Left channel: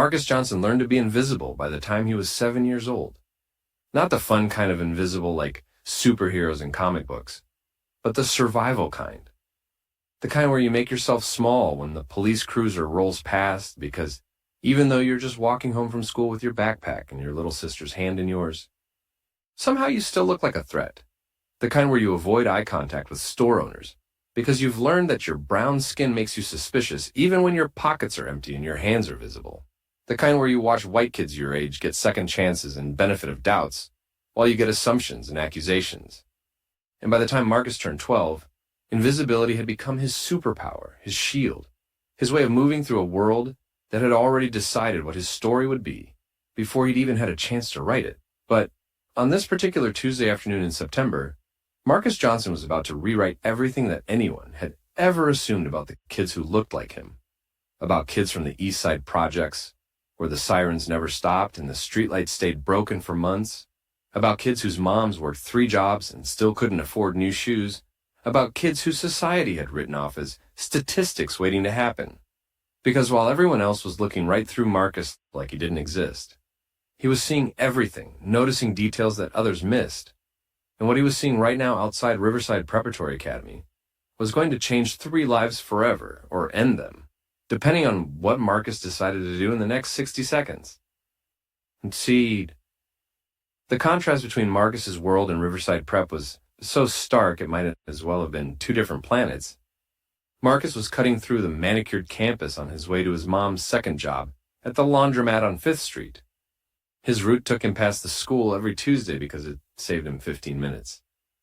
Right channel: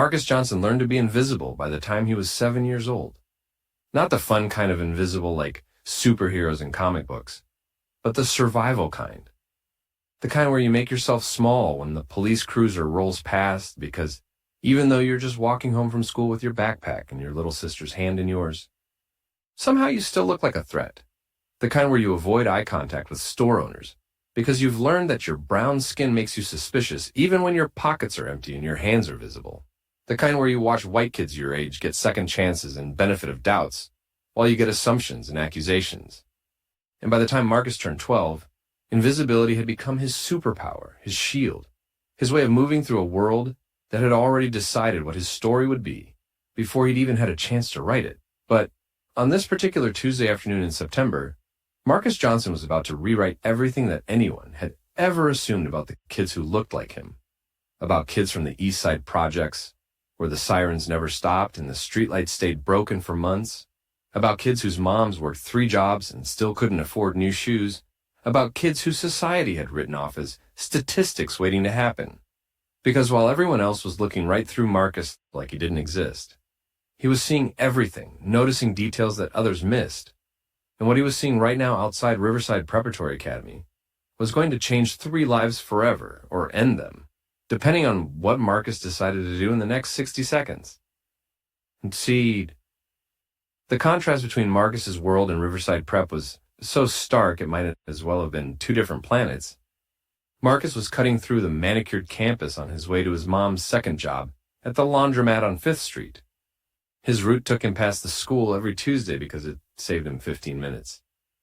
Marcus Johnson learned to be invisible by the time he was 7 years old. Not the fun kind of invisible like superheroes in comic books, but the survival kind. The kind where you make yourself small when the police cruiser rolls past because even though you're just walking home from school with your backpack and your little sister's hand in yours, somehow you still look like a threat. The kind where you avoid eye contact with store owners because you've learned that your brown skin makes you suspicious even when your pockets are empty and your hands are visible. The kind where you watch white kids your age get second chances and benefit of doubts while you get assumptions and accusations. And by the time Marcus turned 12, invisibility had become his superpower, his shield, his way of moving through a world that had already decided what his story would be before he'd even had a chance to write it. But on this particular Tuesday afternoon in September, Marcus Johnson was about to rewrite everything that anyone had ever assumed about the kids who looked like him, about kids from the East Side projects, where the sirens never stopped and the streetlights stayed broken for months, about kids whose moms worked 3 jobs and still couldn't afford new shoes, about kids whose society had written off as statistics waiting to happen. Because while everyone else was looking right through Marcus like he didn't exist, he was seeing everything, noticing details that others missed. And what he was seeing right now outside Riverside Preparatory Academy was going to change 3 lives forever, or end them, depending on what Marcus decided to do in the next 60 seconds. And see, the contrast between Marcus's world and Riverside Prep was so stark it might as well have been 2 different planets. Marcus was cutting through the manicured campus on his way to his mom's second job at the laundromat on 5th Street. His route took him past the school every Tuesday because it saved him 15 minutes.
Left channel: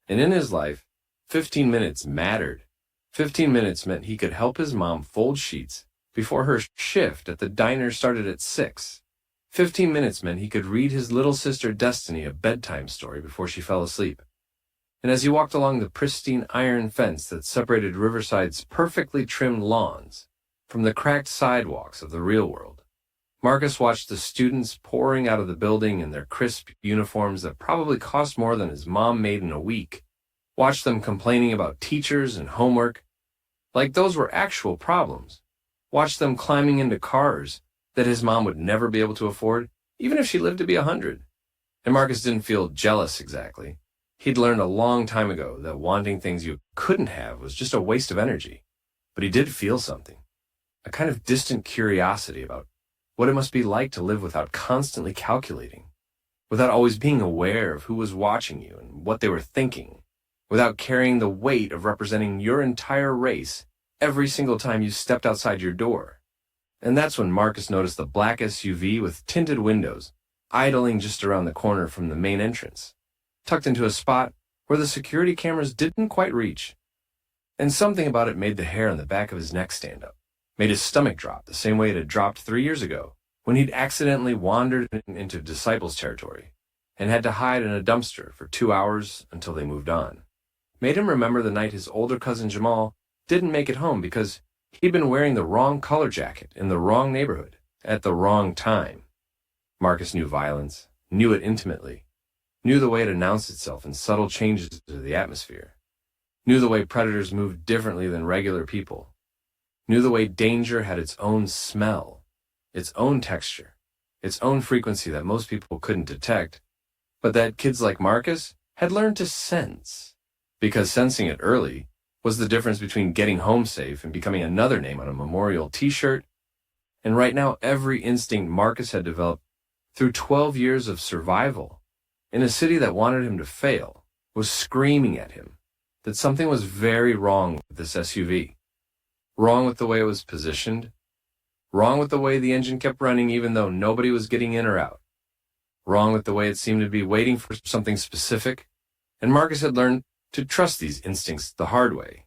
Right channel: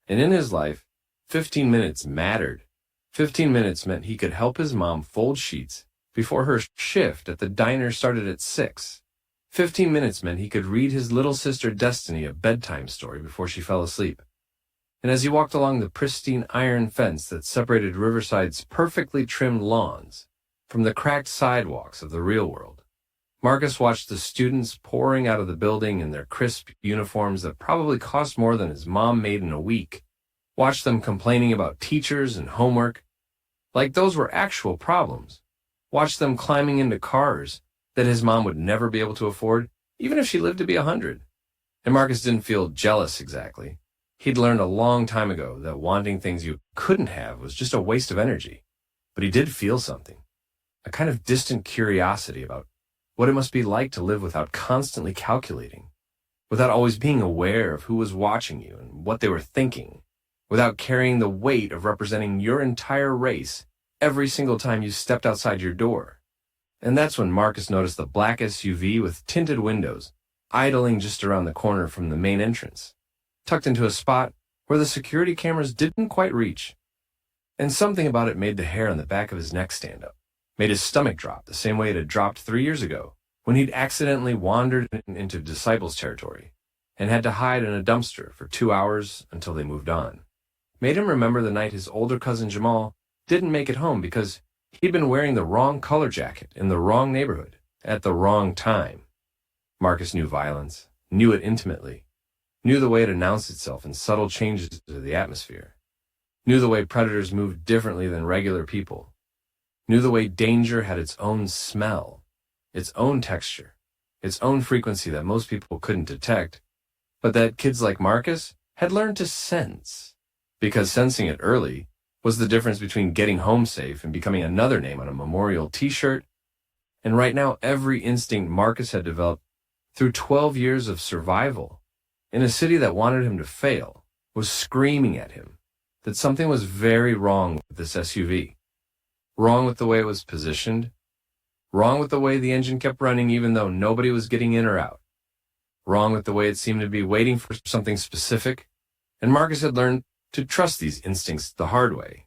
And in his life, 15 minutes mattered. 15 minutes meant he could help his mom fold sheets before her shift at the diner started at 6. 15 minutes meant he could read his little sister Destiny a bedtime story before she fell asleep. And as he walked along the pristine iron fence that separated Riverside's perfectly trimmed lawns from the cracked sidewalks of the real world, Marcus watched the students pouring out of the building in their crisp uniforms that probably cost more than his mom made in a week, watched them complaining about teachers and homework, like those were actual problems, watched them climbing into cars that his mom would never be able to afford, even if she lived to be 100. And Marcus didn't feel jealous exactly. He'd learned a long time ago that wanting things you couldn't have was just a waste of energy. But he did feel something, a kind of distant curiosity about what it must be like to live without constantly calculating, without always being aware of who was watching you and what they were thinking, without carrying the weight of representing your entire race every single time you stepped outside your door. And that's when Marcus noticed the black SUV with tinted windows idling just around the corner from the main entrance, tucked into a spot where the security cameras didn't quite reach. And something about it made the hair on the back of his neck stand up, made his stomach drop the same way it had dropped 3 years ago when he'd accidentally wandered into Disciples territory and had to hide in a dumpster for 2 hours until they moved on. Made him remember the night his older cousin Jamal didn't make it home because he'd been wearing the wrong color jacket in the wrong neighborhood at the wrong time. Marcus knew violence, knew it intimately, knew the way it announced itself in subtle changes to the atmosphere, knew the way predators moved differently than regular people, knew the way danger had its own smell, its own texture, its own frequency that most people couldn't detect, but that kids like Marcus had learned to sense, because sensing it early was the difference between getting home safe and becoming another name on a memorial t-shirt. And right now, every instinct Marcus had developed through 12 years of survival in a city that wanted him to fail was screaming at him that something was very wrong with this SUV. Wrong with the way it was positioned. Wrong with the way the engine kept running even though nobody was getting in or out. Wrong with the way it seemed to be waiting for something specific. And Marcus had learned to trust these instincts the hard way.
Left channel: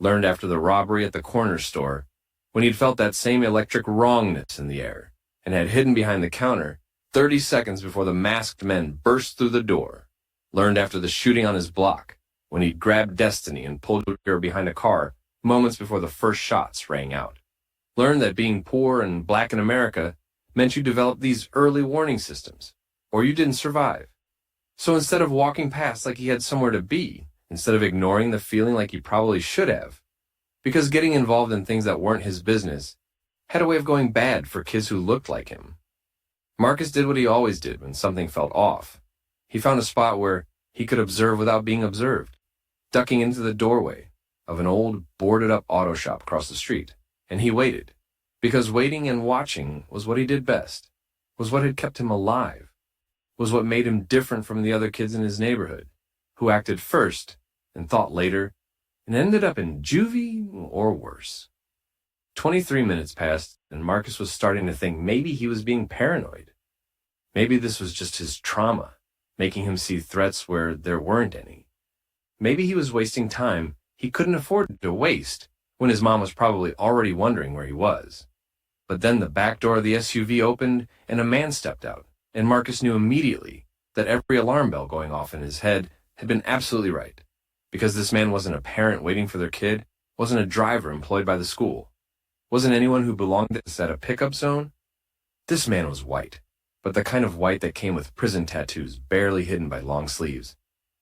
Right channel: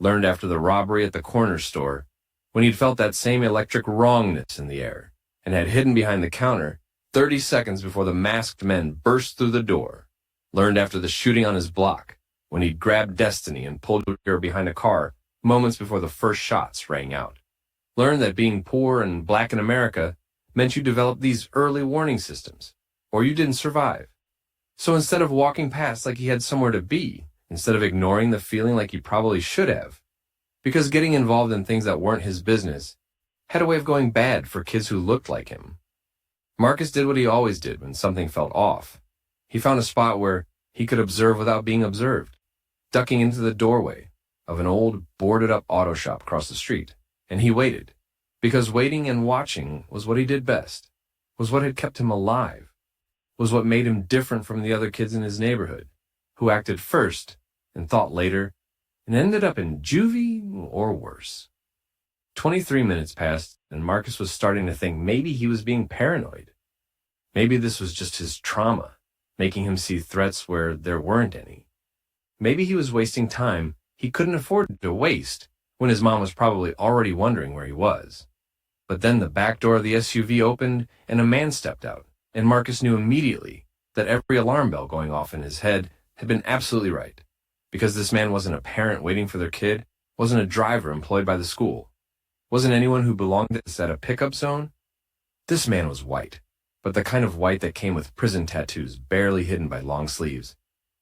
Learned after the robbery at the corner store when he'd felt that same electric wrongness in the air and had hidden behind the counter 30 seconds before the masked men burst through the door. Learned after the shooting on his block when he'd grabbed Destiny and pulled her behind a car moments before the first shots rang out. Learned that being poor and black in America meant you developed these early warning systems, or you didn't survive. So instead of walking past like he had somewhere to be, instead of ignoring the feeling like he probably should have, because getting involved in things that weren't his business had a way of going bad for kids who looked like him. Marcus did what he always did when something felt off. He found a spot where he could observe without being observed, ducking into the doorway of an old, boarded-up auto shop across the street, and he waited, because waiting and watching was what he did best, was what had kept him alive, was what made him different from the other kids in his neighborhood, who acted first and thought later, and ended up in juvie or worse. 23 minutes passed, and Marcus was starting to think maybe he was being paranoid. Maybe this was just his trauma, making him see threats where there weren't any. Maybe he was wasting time he couldn't afford to waste when his mom was probably already wondering where he was. But then the back door of the SUV opened and a man stepped out, and Marcus knew immediately that every alarm bell going off in his head had been absolutely right, because this man wasn't a parent waiting for their kid, wasn't a driver employed by the school, wasn't anyone who belonged at a pickup zone. This man was white, but the kind of white that came with prison tattoos barely hidden by long sleeves,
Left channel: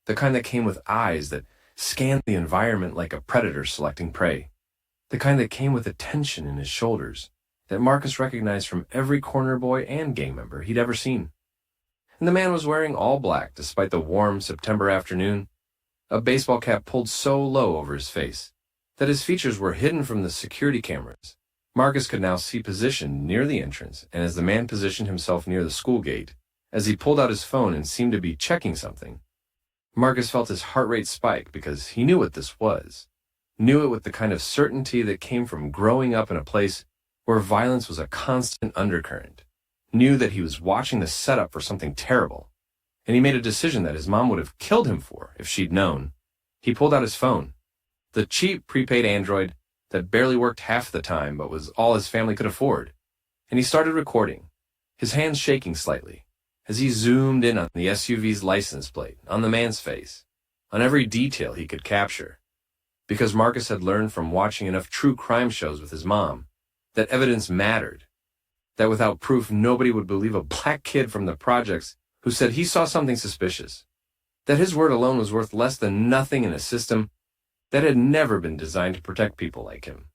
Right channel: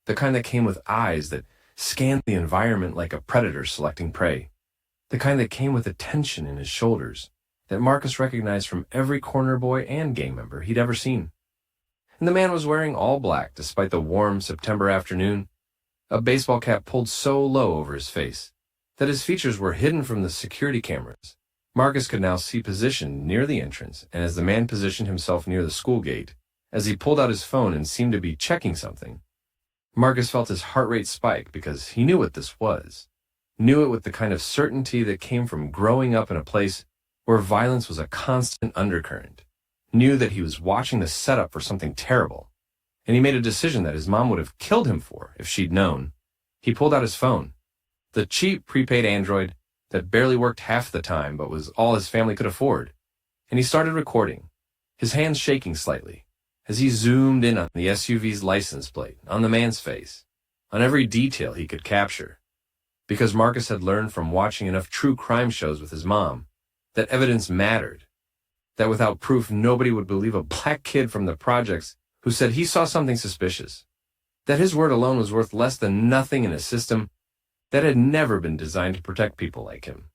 the kind that came with eyes that scanned the environment like a predator selecting prey, the kind that came with a tension in his shoulders that Marcus recognized from every corner boy and gang member he'd ever seen. And the man was wearing all black despite the warm September afternoon, a baseball cap pulled so low over his face that his features were hidden from the security cameras. Marcus could now see positioned near the entrance, and as the man positioned himself near the school gate, as he pulled out his phone and seemed to be checking something, Marcus felt his heart rate spike because he knew what this was, knew it with the kind of certainty that came from growing up in a place where violence was a constant undercurrent, knew that he was watching the setup for something terrible, and he made a decision that his mom would have killed him for if she'd known. He pulled out his phone, the cheap prepaid Android that barely worked half the time but was all his family could afford, and he started recording, his hands shaking slightly, as he zoomed in on the SUV's license plate, on the man's face, on every detail he could capture. Because Marcus had learned from watching enough true crime shows with his mom that evidence mattered, that without proof nobody would believe a black kid from the projects who said he saw something suspicious, that his word alone was worth less than nothing in a system that had never been designed to protect people like him.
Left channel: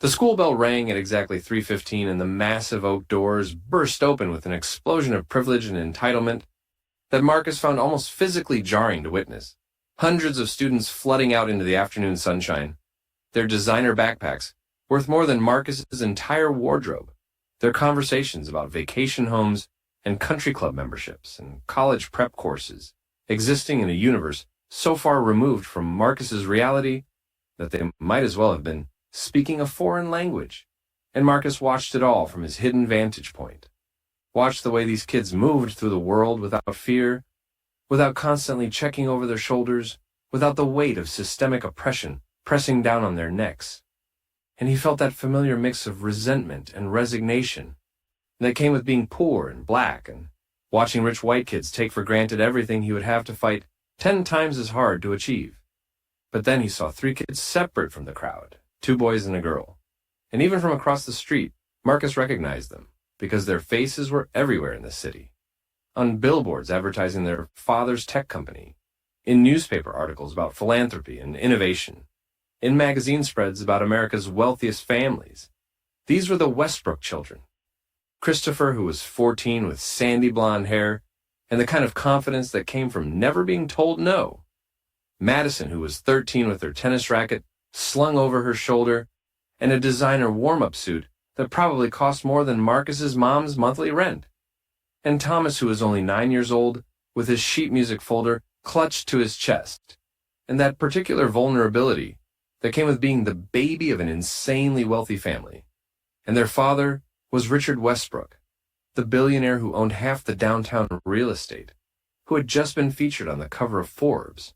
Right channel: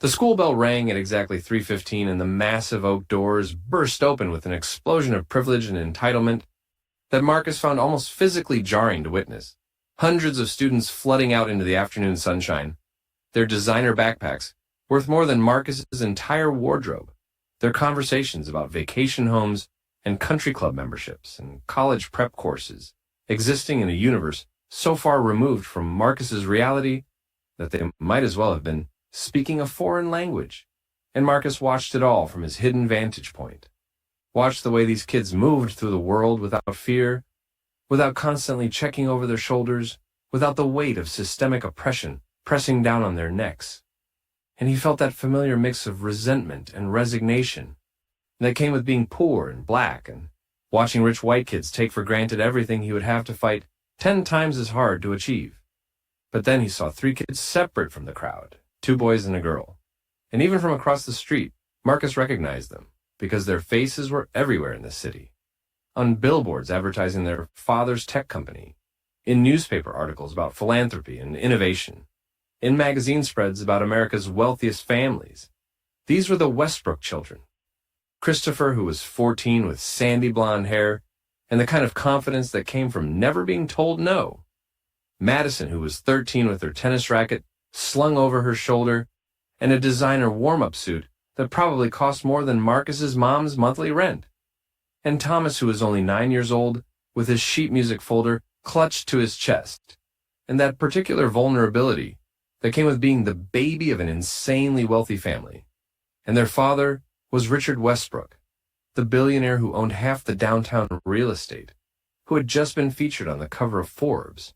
The school bell rang at exactly 3:15, and the massive oak doors burst open with an explosion of privilege and entitlement that Marcus found almost physically jarring to witness. Hundreds of students flooding out into the afternoon sunshine, their designer backpacks worth more than Marcus's entire wardrobe, their conversations about vacation homes and country club memberships and college prep courses existing in a universe so far removed from Marcus's reality that they might as well have been speaking a foreign language. And Marcus watched it all from his hidden vantage point. Watched the way these kids moved through the world without fear, without constantly checking over their shoulders, without the weight of systemic oppression pressing down on their necks. And he felt that familiar mix of resentment and resignation that came with being poor and black and watching rich white kids take for granted everything he would have to fight 10 times as hard to achieve. But then he saw 3 kids separate from the crowd, 2 boys and a girl. And even from across the street, Marcus recognized them because their faces were everywhere in the city. On billboards advertising their father's tech company, in newspaper articles about philanthropy and innovation, in magazine spreads about America's wealthiest families. These were the Westbrook children. Christopher, who was 14 with sandy blonde hair and the kind of confidence that came from never being told no. Madison, who was 13 with her tennis racket slung over her shoulder and a designer warm-up suit that probably cost more than Marcus's mom's monthly rent. And Thomas, who was only 9 years old, with his sheet music folder clutched to his chest, and that particular vulnerability that came with being the baby of an insanely wealthy family. And their father was Richard Westbrook, the billionaire who owned half the downtown real estate, who had just been featured on the cover of Forbes,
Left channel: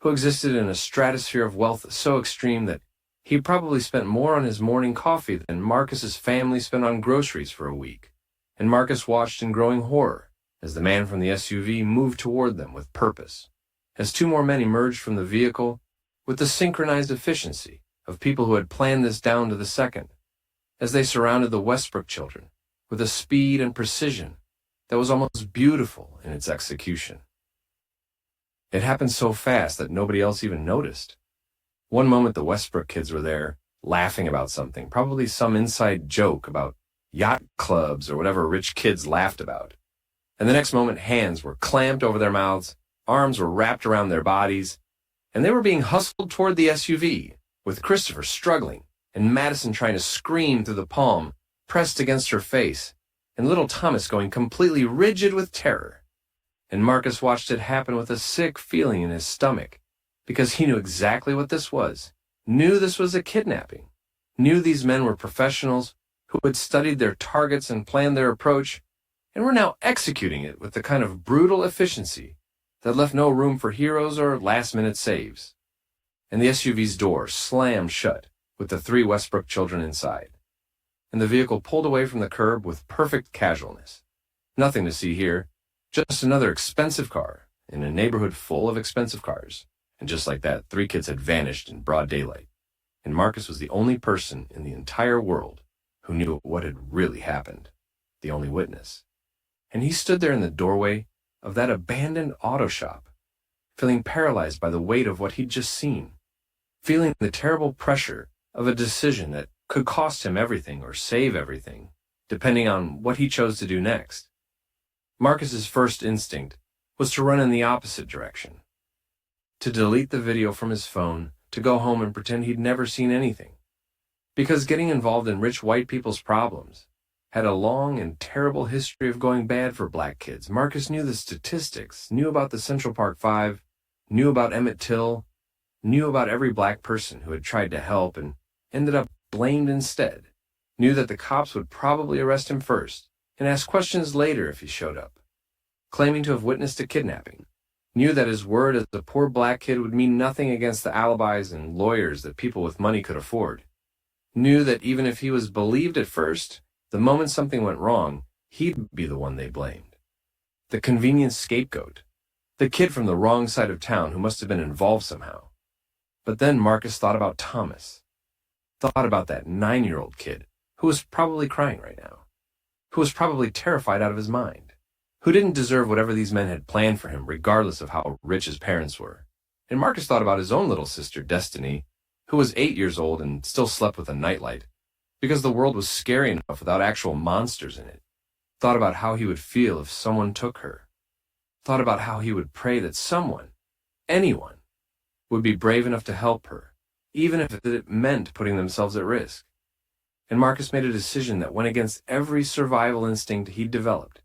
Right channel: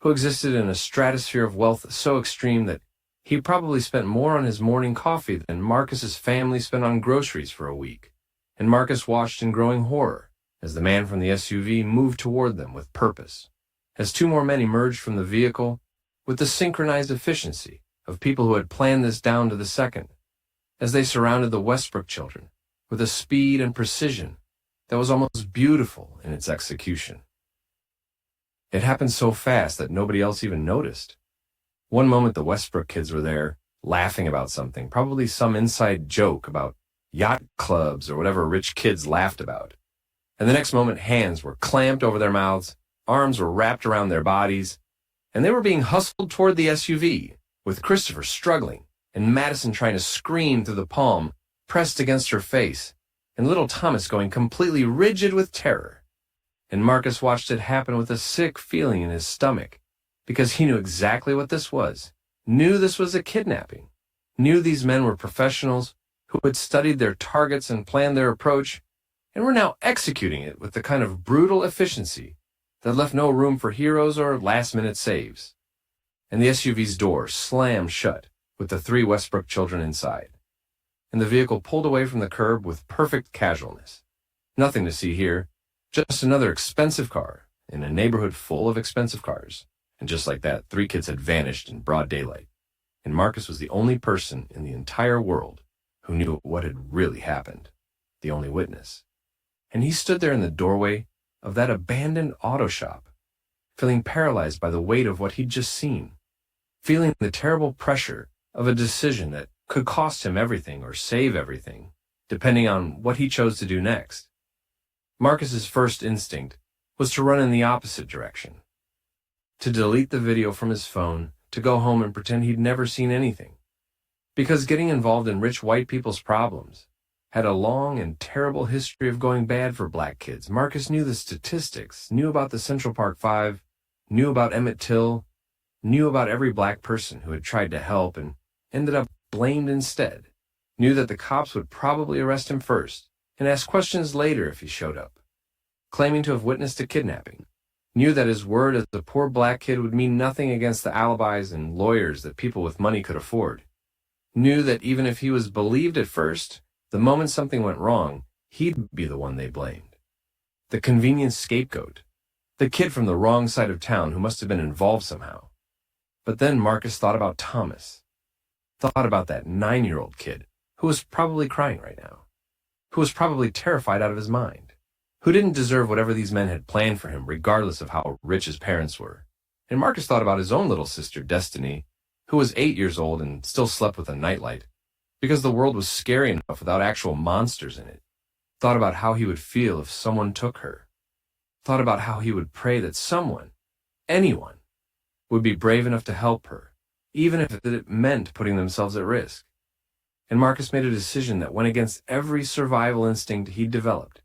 who existed in a stratosphere of wealth so extreme that he probably spent more on his morning coffee than Marcus's family spent on groceries for a week. And Marcus watched in growing horror as the man from the SUV moved toward them with purpose, as 2 more men emerged from the vehicle with the synchronized efficiency of people who had planned this down to the second, as they surrounded the Westbrook children with a speed and precision that was almost beautiful in its execution. It happened so fast that nobody else even noticed. One moment the Westbrook kids were there, laughing about something, probably some inside joke about yacht clubs or whatever rich kids laughed about. And the next moment, hands were clamped over their mouths, arms were wrapped around their bodies, and they were being hustled toward the SUV, with Christopher struggling and Madison trying to scream through the palm pressed against her face, and little Thomas going completely rigid with terror. And Marcus watched it happen with a sick feeling in his stomach, because he knew exactly what this was, knew this was a kidnapping, knew these men were professionals who had studied their targets and planned their approach, and were now executing it with the kind of brutal efficiency that left no room for heroes or last-minute saves. And the SUV's door slammed shut with the 3 Westbrook children inside, and the vehicle pulled away from the curb with perfect casualness. Nothing to see here, just another expensive car in a neighborhood full of expensive cars. And just like that, 3 kids had vanished in broad daylight, and Marcus was the only person in the entire world who knew what had really happened, the only witness. And he stood there in the doorway of that abandoned auto shop, feeling paralyzed by the weight of what he'd just seen, feeling the terrible pressure of a decision that could cost him everything or save everything, depending on what he chose to do next. Marcus's first instinct was to run in the opposite direction, to delete the video from his phone, to go home and pretend he'd never seen anything. Because getting involved in rich white people's problems had a long and terrible history of going bad for black kids. Marcus knew the statistics, knew about the Central Park Five, knew about Emmett Till, knew about every black person who had tried to help and ended up blamed instead, knew that the cops would probably arrest him first and ask questions later if he showed up, claiming to have witnessed a kidnapping, knew that his word as a poor black kid would mean nothing against the alibis and lawyers that people with money could afford, knew that even if he was believed at first, the moment something went wrong, he'd be the one they blamed. The convenient scapegoat, the kid from the wrong side of town who must have been involved somehow. But then Marcus thought about Thomas, thought about that 9-year-old kid who was probably crying right now, who was probably terrified out of his mind, who didn't deserve whatever these men had planned for him regardless of how rich his parents were. And Marcus thought about his own little sister, Destiny, who was 8 years old and still slept with a nightlight, because the world was scary enough without actual monsters in it. Thought about how he would feel if someone took her. Thought about how he would pray that someone, anyone, would be brave enough to help her, even if it meant putting themselves at risk. And Marcus made a decision that went against every survival instinct he'd developed,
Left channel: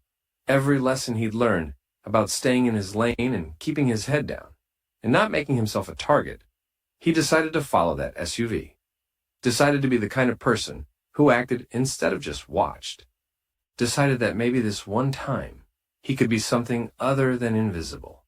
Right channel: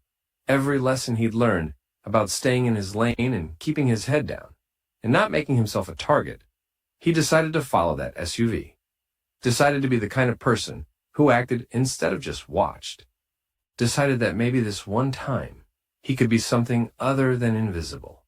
every lesson he'd learned about staying in his lane and keeping his head down, and not making himself a target. He decided to follow that SUV, decided to be the kind of person who acted instead of just watched, decided that maybe this one time he could be something other than invisible.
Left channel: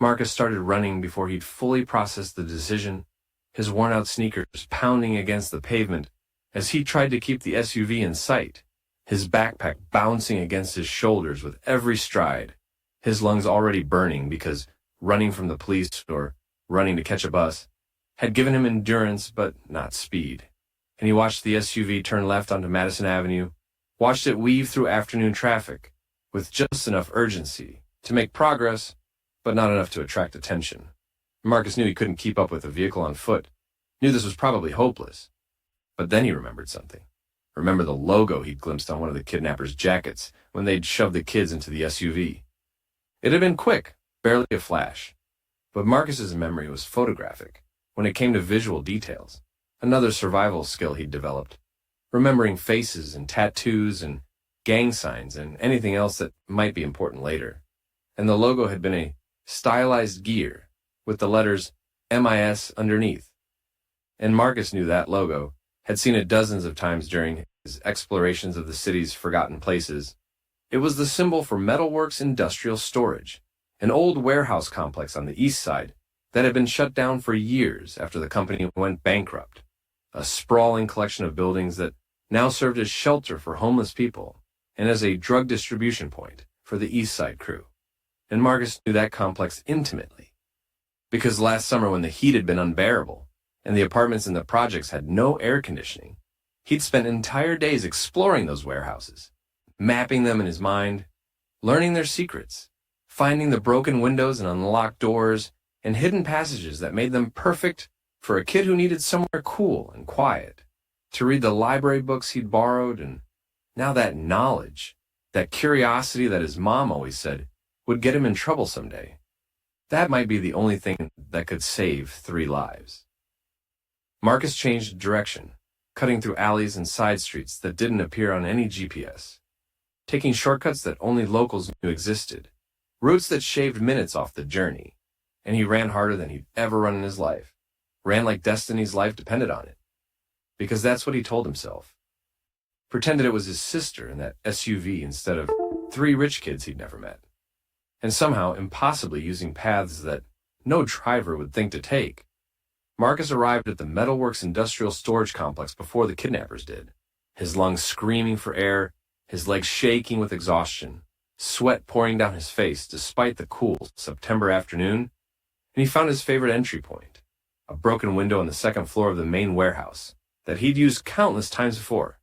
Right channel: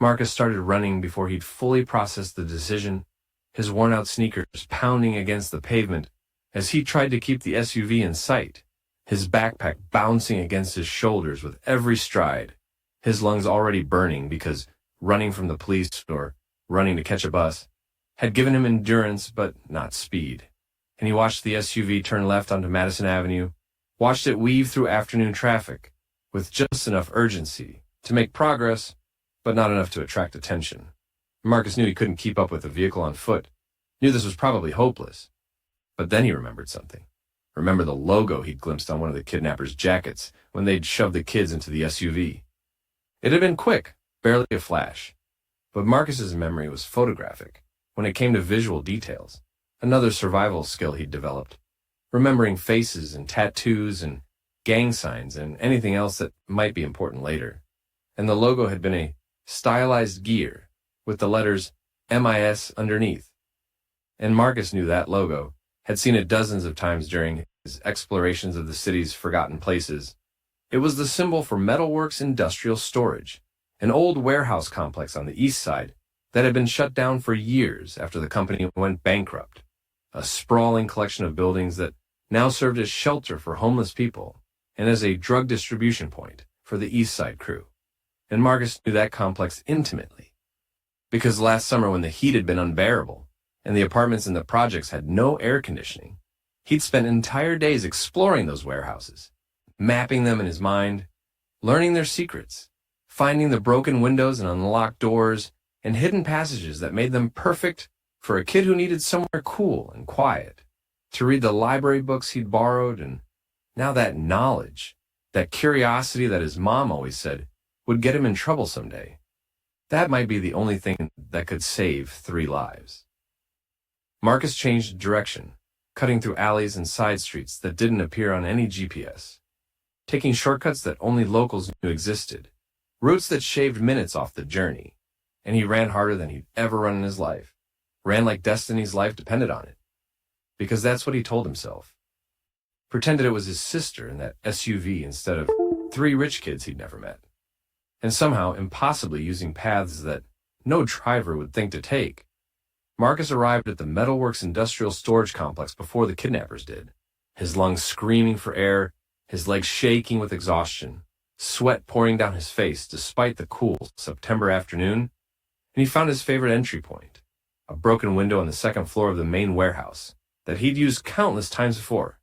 Marcus started running before he'd fully processed the decision, his worn-out sneakers pounding against the pavement as he tried to keep the SUV in sight, his backpack bouncing against his shoulders with every stride, his lungs already burning because running from the police or running to catch a bus had given him endurance but not speed. And he watched the SUV turn left onto Madison Avenue, watched it weave through afternoon traffic with just enough urgency to make progress, but not enough to attract attention. Marcus knew he couldn't keep up with a vehicle on foot, knew this was probably hopeless. But then he remembered something. Remember the logo he'd glimpsed on one of the kidnappers' jackets when they'd shoved the kids into the SUV. It had been quick, barely a flash. But Marcus's memory was photographic when it came to visual details, another survival skill he'd developed, remembering faces and tattoos and gang signs and anything else that might be important later. And the logo had been a stylized gear with the letters MIS underneath. And Marcus knew that logo, had seen it dozens of times during his explorations of the city's forgotten places. It was the symbol for Metalworks Industrial Storage, an old warehouse complex on the east side that had been shut down for years after the company went bankrupt, a sprawling collection of buildings that now served as shelter for homeless people and as a drug distribution point for the East Side crew. And Marcus knew that complex intimately, because last summer when the heat had been unbearable and the apartments in the projects had no air conditioning, he'd spent entire days exploring those warehouses, mapping them in his mind, learning their secrets, finding the broken windows and unlocked doors and hidden passages that made them perfect for a kid who needed somewhere cool and quiet, to read the library books he'd borrowed, and now that knowledge, that curiosity that his mom always said would get him in trouble someday, that might be the only thing that could save 3 lives. Marcus changed direction, cutting through alleys and side streets that didn't appear on any GPS, taking shortcuts that only locals knew existed, routes that shaved minutes off the journey, and he ran harder than he'd ever run in his life, ran like destiny's life depended on it, because that's what he told himself. Pretended it was his sister in that SUV instead of 3 rich kids he'd never met, and somehow impossibly using paths that no driver would think to take. Marcus arrived at the Metalworks Industrial Storage Complex before the kidnappers did, his lungs screaming for air, his legs shaking with exhaustion, sweat pouring down his face despite the cool September afternoon, and he found his favorite entry point, a broken window on the 2nd floor of the main warehouse that he'd used countless times before,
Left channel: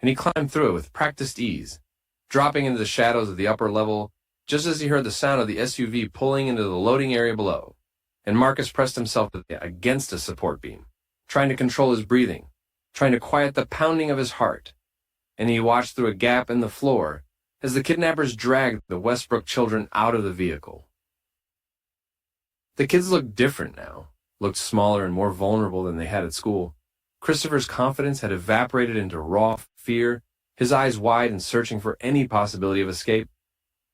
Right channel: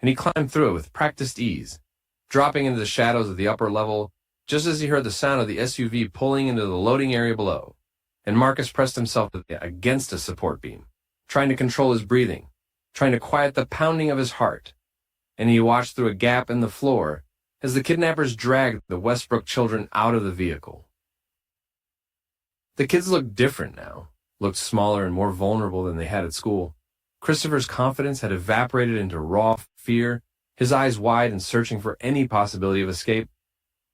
and he climbed through it with practiced ease, dropping into the shadows of the upper level just as he heard the sound of the SUV pulling into the loading area below, and Marcus pressed himself against a support beam, trying to control his breathing, trying to quiet the pounding of his heart, and he watched through a gap in the floor as the kidnappers dragged the Westbrook children out of the vehicle. The kids looked different now, looked smaller and more vulnerable than they had at school. Christopher's confidence had evaporated into raw fear, his eyes wide and searching for any possibility of escape.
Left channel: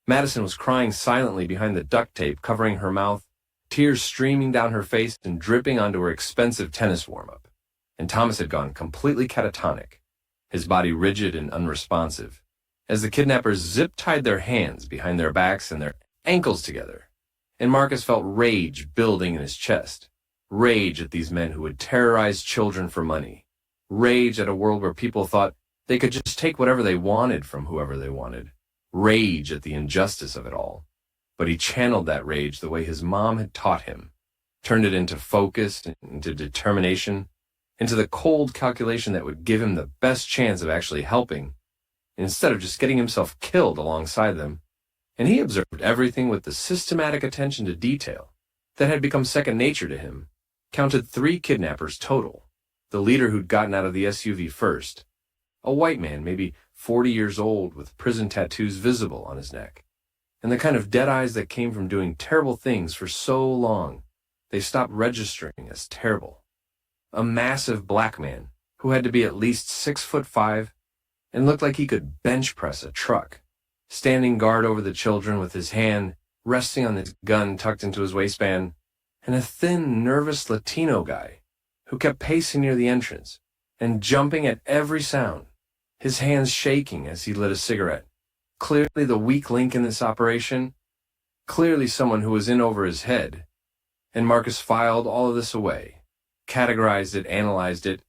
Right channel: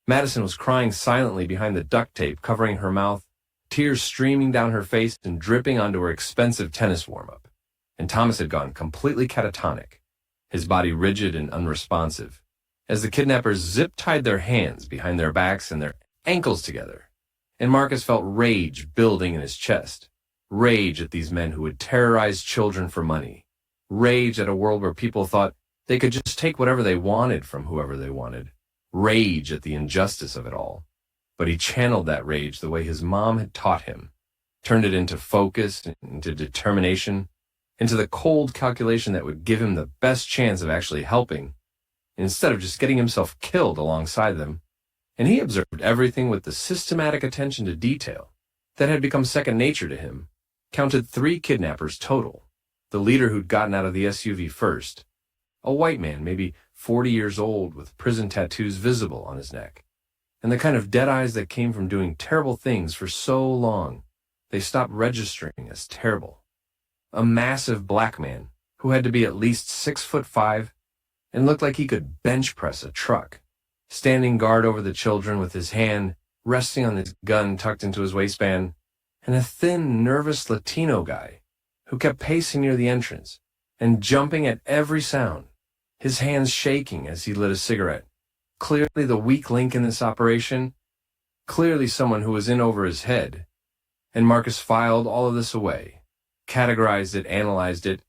Madison was crying silently behind the duct tape covering her mouth, tears streaming down her face and dripping onto her expensive tennis warm-up. And Thomas had gone completely catatonic, his body rigid and unresponsive, as the kidnappers zip-tied their hands behind their backs and their ankles together. And Marcus felt rage building in his chest. Rage at these men who would terrorize children for money. Rage at a world where people thought they could just take whatever they wanted from whoever they wanted. Rage at the injustice of it all. But he channeled that rage the way his mom had taught him, turned it into focus, into determination, into the cold calculation that would give him the best chance of actually helping, instead of just getting himself killed alongside them. And he observed everything with the systematic attention to detail that had become second nature to him, counted 3 kidnappers total, the leader who'd gotten out of the SUV first, a white man, maybe 40 years old, with prison tattoos visible on his neck, and the kind of dead eyes that came from doing terrible things for so long they stopped registering as terrible. A massive black man who had to be at least 6'5" and looked like he could bench press a truck, standing guard over the children with his hand resting on his gun tucked into his waistband, and a thin, nervous Latino guy who kept pacing near the entrance and jumping at every sound, his hands shaking as he lit a cigarette. Clearly the weak link in this operation, clearly someone who was in over his head. And Marcus filed all of this away, categorized it, analyzed it,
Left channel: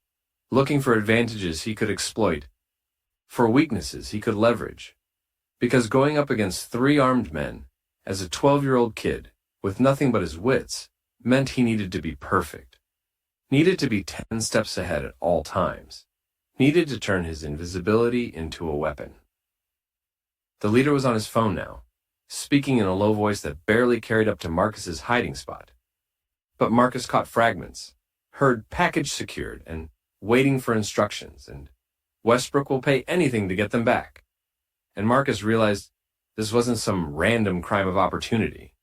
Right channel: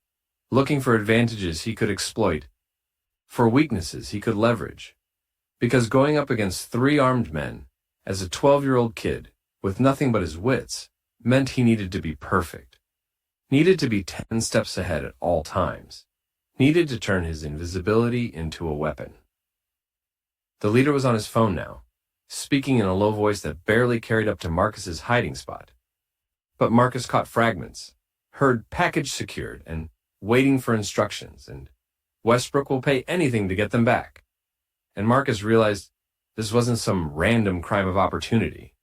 looking for advantages he could exploit, for weaknesses he could leverage. Because going up against 3 armed men, as a 12-year-old kid, with nothing but his wits, meant he needed to be perfect. Needed to be 10 steps ahead at all times. Needed to turn his invisibility into a weapon. The leader was on his phone now, speaking in a low voice that barely carried up to Marcus's hiding spot. But Marcus caught fragments, heard package secured and waiting for instructions, and Westbrook will pay anything to get them back. And Marcus realized this wasn't some random crime of opportunity.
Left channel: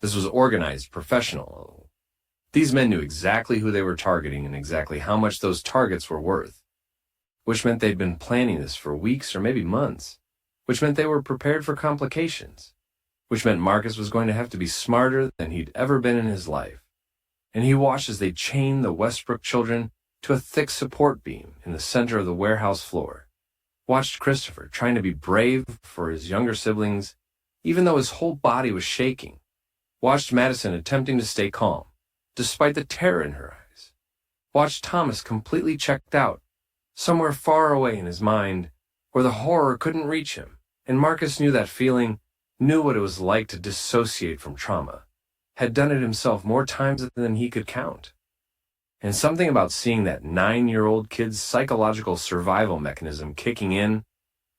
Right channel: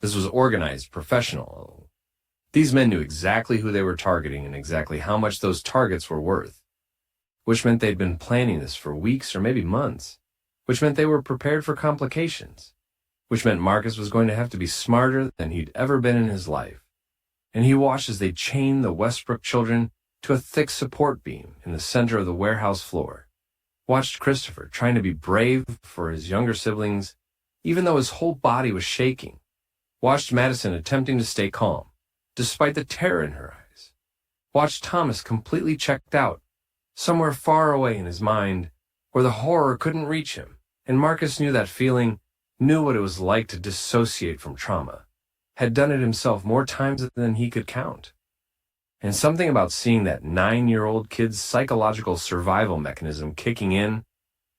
This was organized, professional. These men knew exactly who they were targeting and exactly how much those targets were worth, which meant they'd been planning this for weeks or maybe months, which meant they were prepared for complications, which meant Marcus was going to have to be smarter than he'd ever been in his life. And he watched as they chained the Westbrook children to a thick support beam in the center of the warehouse floor. Watched Christopher trying to be brave for his younger siblings, even though his whole body was shaking. Watched Madison attempting to stay calm, despite the terror in her eyes. Watched Thomas completely checked out, somewhere far away in his mind, where the horror couldn't reach him. And Marcus knew that feeling, knew what it was like to dissociate from trauma, had done it himself more times than he could count. And something about seeing that 9-year-old kid's psychological survival mechanism kicking in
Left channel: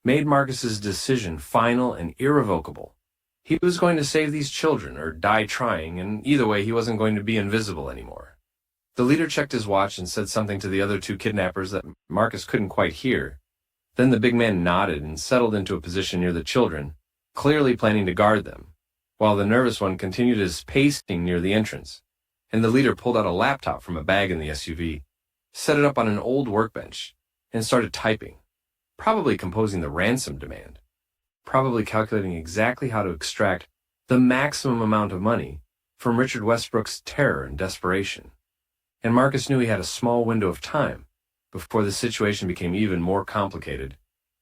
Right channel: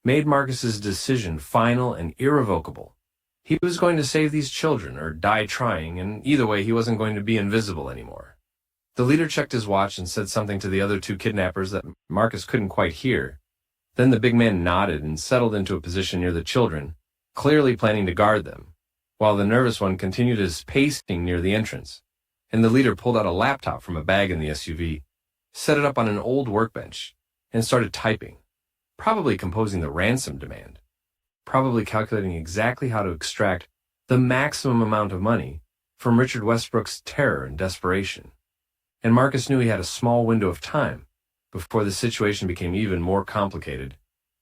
made Marcus's decision final and irrevocable. He was going to save these children or die trying, and either way he wasn't going to be invisible anymore. The leader checked his watch and said something to the other two kidnappers that Marcus couldn't quite hear. Then the big man nodded and settled into a position near the children, clearly planning to guard them, while the nervous one continued his pacing near the entrance. And the leader pulled out a laptop from a bag in the SUV, set it up on an old workbench, and started typing, probably composing the ransom demand, probably calculating exactly how to extract the maximum amount of money from Richard Westbrook's terror and desperation. And Marcus knew he had a small window of time before the situation became even more complicated,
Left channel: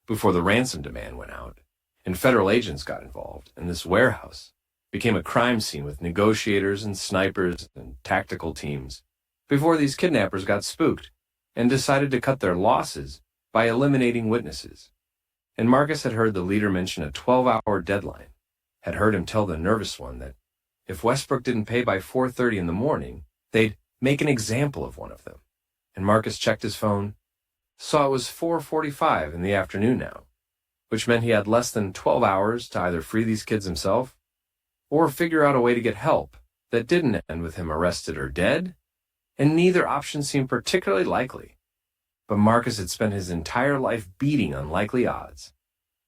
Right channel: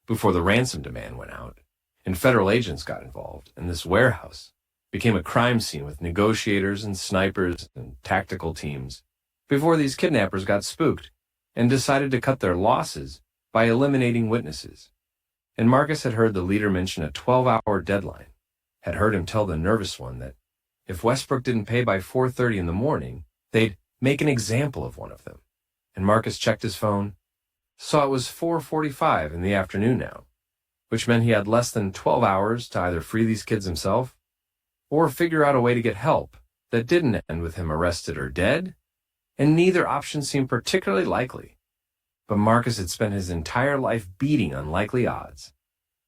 before the ransom demand went out, and federal agents got involved, and this warehouse became a crime scene with negotiators and snipers and tactical teams, before these kidnappers got spooked and decided to cut their losses by eliminating witnesses. And Marcus had heard the leader mention a 12-hour deadline, had heard him tell the nervous one that if Westbrook didn't pay by 4:30 in the morning, they'd make an example of one of them. And Marcus checked his phone, saw it was 4:45 in the afternoon now, which meant he had less than 12 hours to either free these kids himself or figure out a way to get help that didn't end with him arrested or dead, and neither option seemed particularly likely. But Marcus had spent his entire life beating unlikely odds,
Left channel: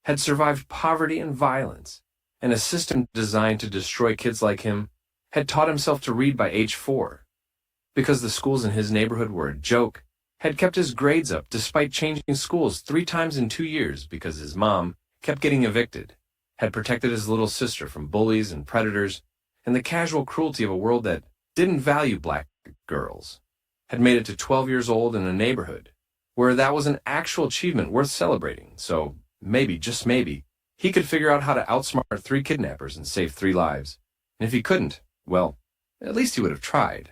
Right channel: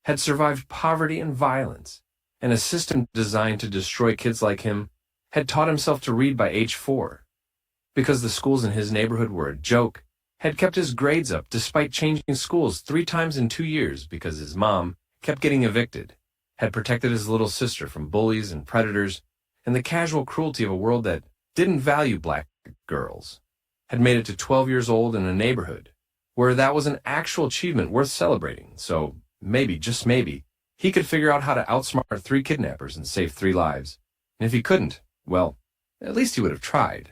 had survived poverty and violence, and a system designed to destroy kids like him, had taught himself to read by age 4. Because the schools in his neighborhood were a joke, had kept his grades up despite changing schools 3 times in 2 years because his mom kept getting evicted, had protected his little sister from bullies and predators and the casual cruelty of a world that didn't value black girls, had made it to 12 years old in a neighborhood where that was an actual achievement worth celebrating. So maybe, just maybe, he could figure out how to outsmart 3 kidnappers and save 3 lives. And if he couldn't, well, at least he would have tried.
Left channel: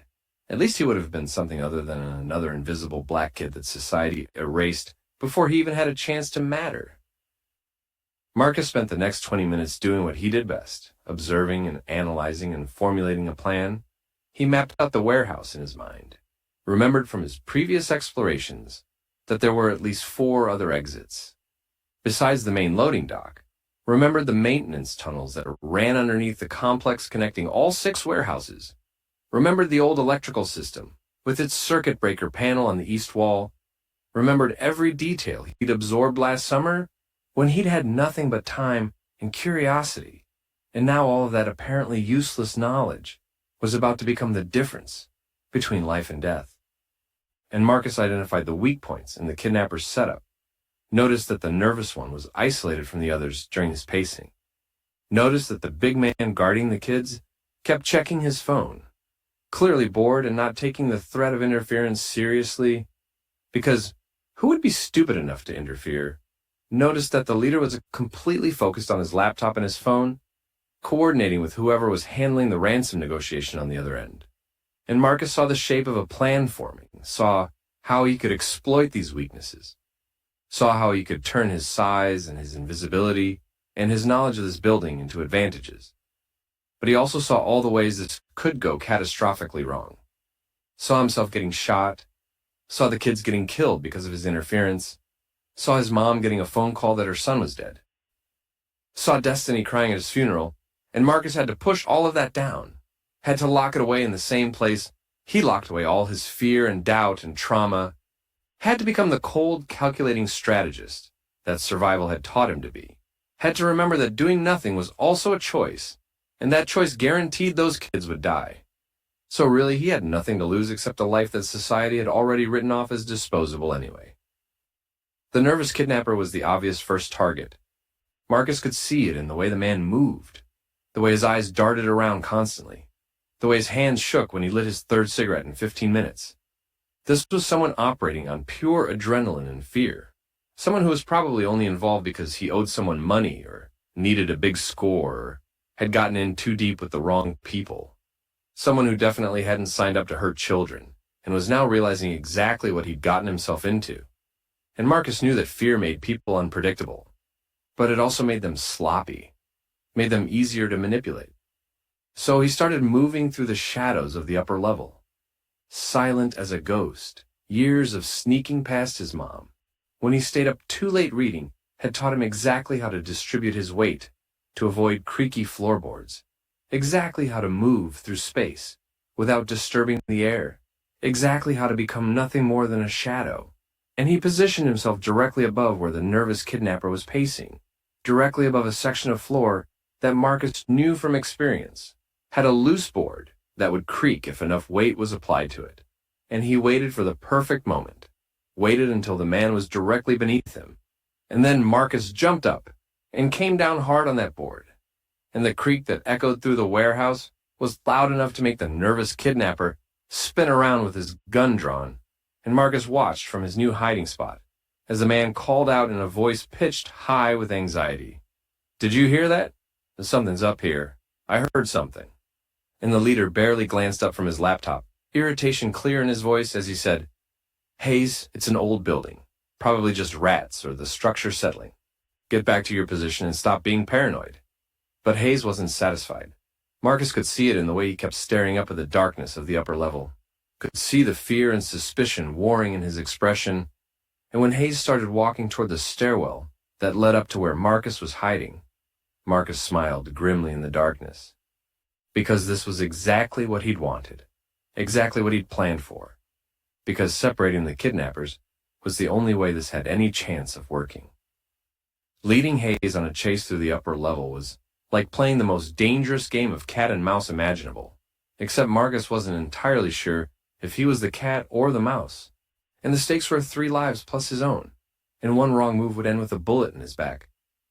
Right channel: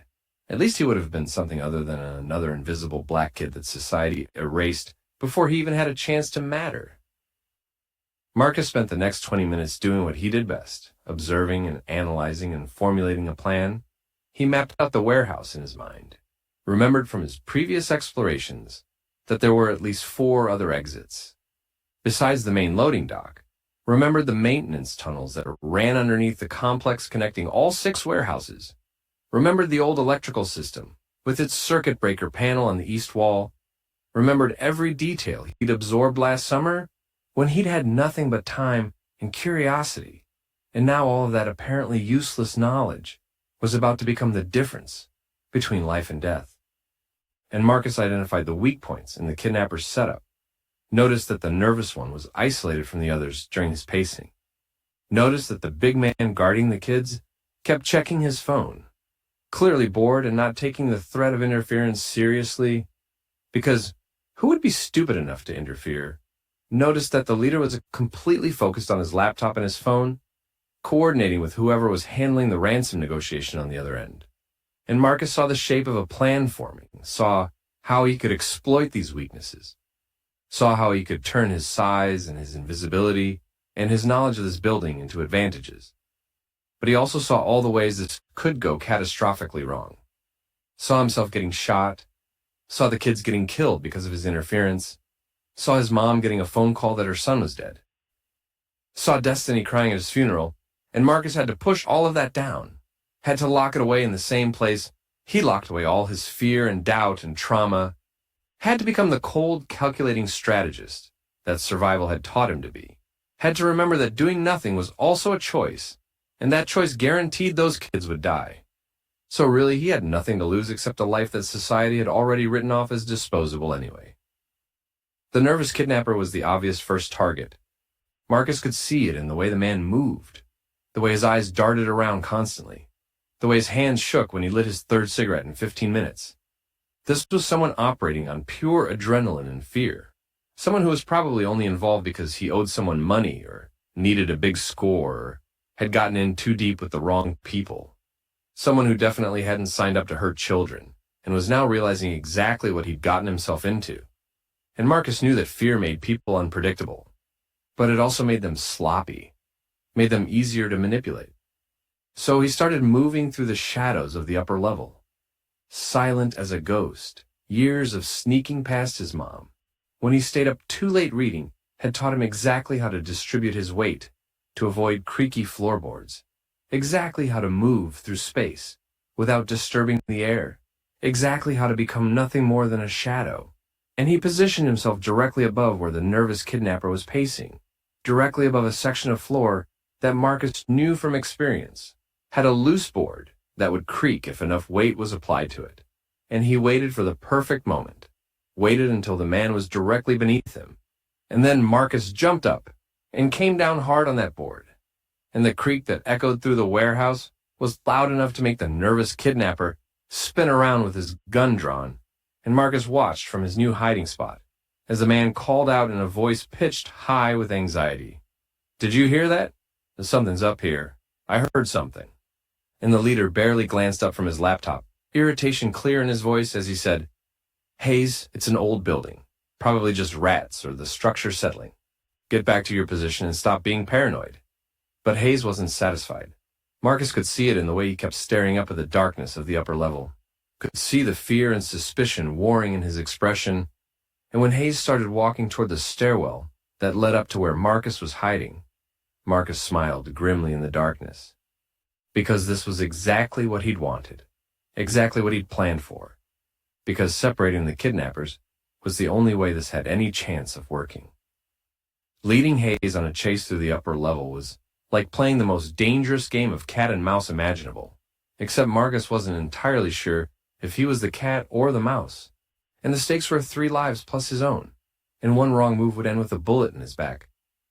At least he would have been something other than another invisible black kid that society erased before he even had a chance to matter. Marcus spent the next 20 minutes doing what he did best, observing and analyzing and formulating a plan. He mapped out the warehouse in his mind, remembered from his previous explorations that there were at least 4 other exits. Besides the main loading dock, remembered the maintenance tunnels that ran underneath the complex connecting all 6 warehouses. Remembered the old electrical system, with its circuit breaker panel on the east wall. Remembered every detail he'd absorbed last summer when he'd had nothing but time and curiosity, and now all of that apparently useless knowledge was about to become the difference between life and death. And Marcus identified the weak points in the kidnapper's setup, noticed that the nervous one was isolated from the others during his pacing, noticed that the big man guarding the kids kept checking his phone, clearly bored and not taking the threat of interference seriously, because who would be stupid enough to interfere? Noticed that the leader was completely focused on his laptop and his phone, coordinating with whoever was handling the ransom negotiation on the other end. And Marcus saw the shape of a plan forming, saw how he could exploit these weaknesses, saw how he could turn his size and his invisibility and his knowledge of this building into advantages. But he also saw all the ways this could go catastrophically wrong. Saw himself getting shot, saw the kids getting killed because of his interference, saw his mom getting a phone call that her son was dead, saw Destiny crying at his funeral, and Marcus had to push all of that down, had to lock it away in the same place he locked away all his fear and doubt and trauma, had to become the cold, calculating strategist that survival had taught him to be, had to remember that doing nothing was also a choice, and that choice guaranteed those kids would die. So really, he had nothing to lose except a life that society had already written off as disposable anyway. The nervous kidnapper was the obvious first target. Marcus could see it in the way the man moved, the way his eyes darted around constantly, the way his hands shook when he lit his 3rd cigarette in 15 minutes. This was someone operating on pure adrenaline and fear, someone who was probably only involved because he owed someone money or needed a big score or had gotten in too deep with the wrong people. Someone who definitely hadn't signed up to hurt children and was now realizing exactly what he'd gotten himself into. And Marcus knew that fear made people unpredictable, but it also made them sloppy, made them easier to manipulate. So he started moving through the shadows of the upper level, silent as a ghost. Years of sneaking past his mom, when he stayed up too late reading, had taught him exactly how to distribute his weight to avoid creaky floorboards, exactly how to move through space without disturbing the air, exactly how to become nothing more than a shadow. And he positioned himself directly above where the nervous kidnapper was pacing, directly above a section of floor that Marcus knew from experience had a loose board that would creak if enough weight was applied to it. And he waited for the perfect moment, waited until the man was directly beneath him. And then Marcus jumped up and came down hard on that board. And the creak that echoed through the warehouse was loud enough to make the nervous kidnapper spin around with his gun drawn. And Marcus watched from his new hiding spot as the man called out in a voice pitched high with anxiety. "Did you hear that? Something's up here. I heard something." And the leader barely glanced up from his laptop, irritation clear in his voice as he said, "Hayes, it's an old building. Probably just rats or the structure settling. Get back to your position and stop being paranoid." But Hayes wasn't satisfied. Marcus could see it in the way he kept staring up at the darkness of the upper level, could see the fear and suspicion warring in his expression. And when Hayes started walking toward the stairwell that led up to where Marcus was hiding, Marcus smiled grimly in the darkness. Because this was exactly what he'd wanted, exactly what he'd planned for. Because separating the kidnappers was the only way this had any chance of working. Leading Hayes on a chase through the upper level was like playing the most dangerous game of cat and mouse imaginable, except Marcus wasn't entirely sure if he was the cat or the mouse. And the stakes were 3 lives plus his own, and one wrong move would end with a bullet in his back.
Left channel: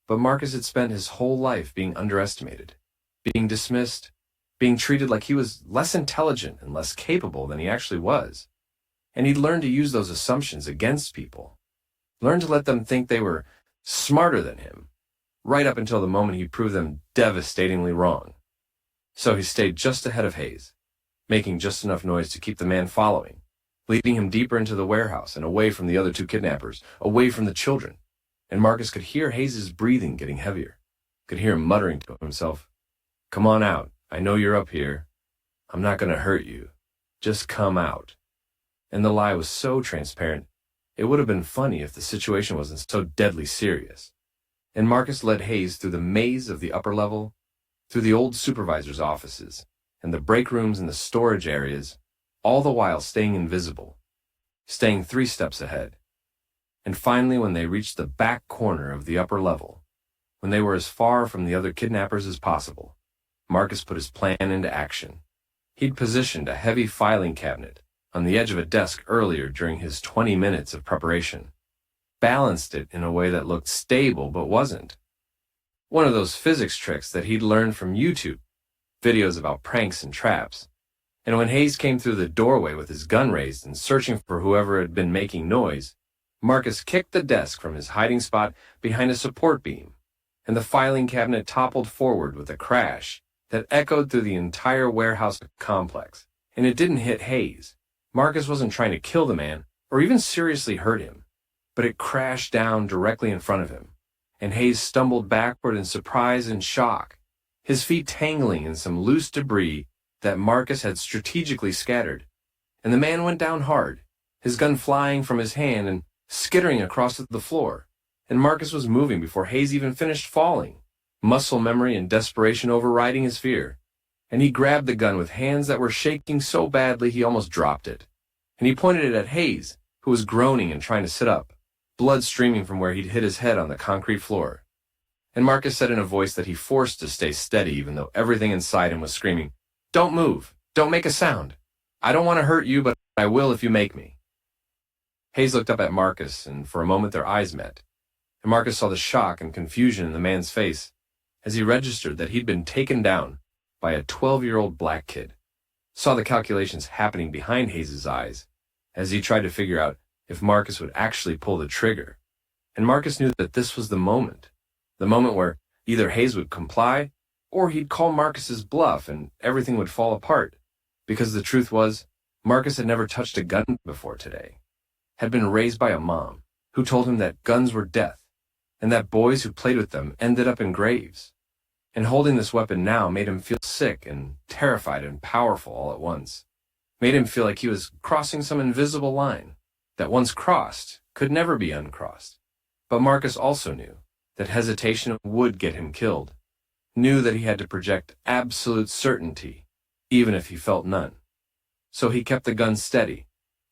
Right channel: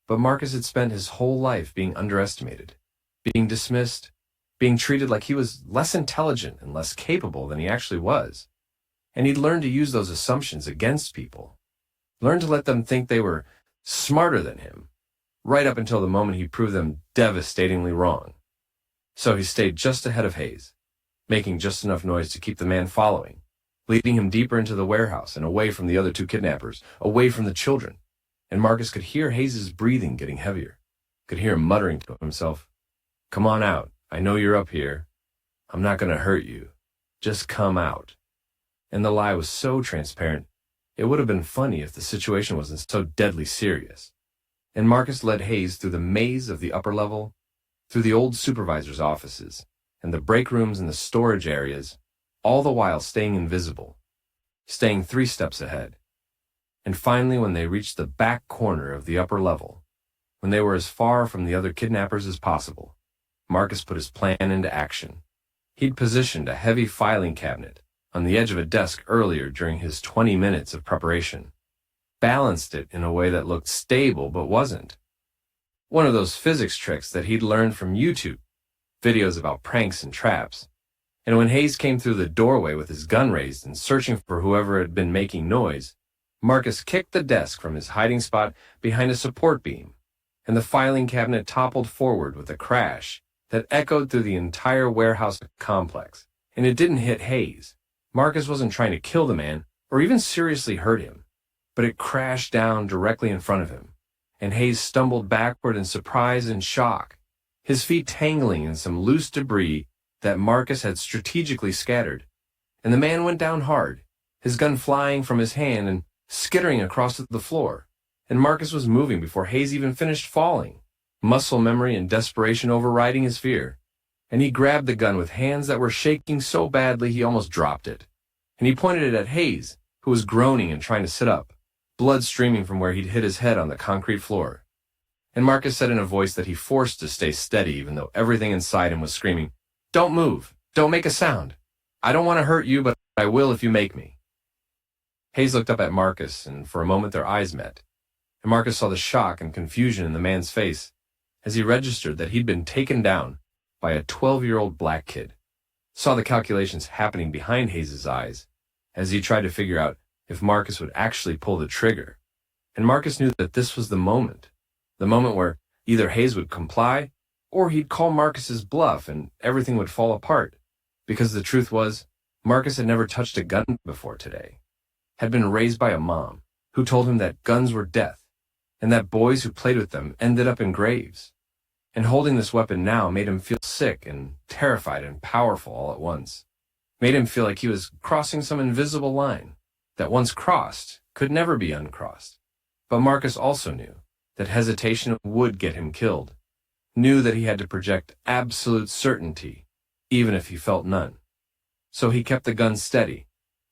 But Marcus had spent his whole life being underestimated, being dismissed, being treated like he was less intelligent and less capable than he actually was. And he'd learned to use those assumptions against people, learned to let them think they were smarter than him, right up until the moment he proved them devastatingly wrong. So he stayed just ahead of Hayes, making just enough noise to keep the man following, leading him deeper into the warehouse and away from the other 2 kidnappers, away from the children. And Marcus could hear Hayes' breathing getting heavier, could hear him muttering to himself, "Come on out. I know you're up here. I'm not going to hurt you. Just come out." And the lie was so transparent, it would have been funny if the situation wasn't so deadly serious. And Marcus led Hayes through the maze of the upper level, through the old supervisor's offices, and the break rooms and the storage areas, all the while staying invisible, staying 3 steps ahead. And finally, when they reached the back corner of the upper level, when they were as far from the other kidnappers as possible, Marcus put his plan into action. He'd positioned a heavy filing cabinet on the edge of a desk earlier during his 20 minutes of preparation, balanced it in a way that looked stable but wasn't. One of those physics tricks that he'd learned from YouTube, videos about pranks and traps. And when Hayes came through the doorway with his gun raised and searching for whoever had been making noise, Marcus kicked the desk from his hiding spot behind a support beam, and the filing cabinet toppled forward with a crash that echoed through the entire warehouse complex. And it didn't hit Hayes. Marcus wasn't trying to kill the man or even seriously hurt him, but it crashed down directly in front of him, and Hayes stumbled backward in surprise and shock, his feet tangling in some loose debris that Marcus had strategically scattered. And the man went down hard, his gun flying from his hand and skittering across the floor. And Marcus was moving before Hayes even finished falling, muscle memory and desperation overriding his fear. And he grabbed the gun with hands that were shaking so badly he almost dropped it. And he pointed it at Hayes, who was groaning and trying to sit up, blood streaming from where he'd hit his head on the concrete floor. And Marcus said in a voice that he forced to stay steady even though everything inside him was screaming, "Don't move. Don't make a sound. I don't want to hurt you, but I will if you make me." Hayes looked up at Marcus, and for a moment their eyes met. And Marcus saw the shock and confusion in the man's face as he registered that he'd been taken down by a 12-year-old black kid, saw the calculations happening behind Hayes' eyes as he tried to figure out if Marcus would actually pull the trigger. And Marcus knew that this was the moment where either Hayes would comply or he'd call Marcus's bluff and everything would fall apart. Because the truth was, Marcus had never touched a gun before today, had been raised by a mom who told him that guns were death and that boys who played with them ended up in graves. And holding this weapon now made him feel sick and terrified and powerful all at once. Made him feel like he was crossing some invisible line that once crossed could never be uncrossed. But Marcus also knew that hesitation would get him killed, knew that he had to project absolute certainty, even if he felt none. So he kept the gun steady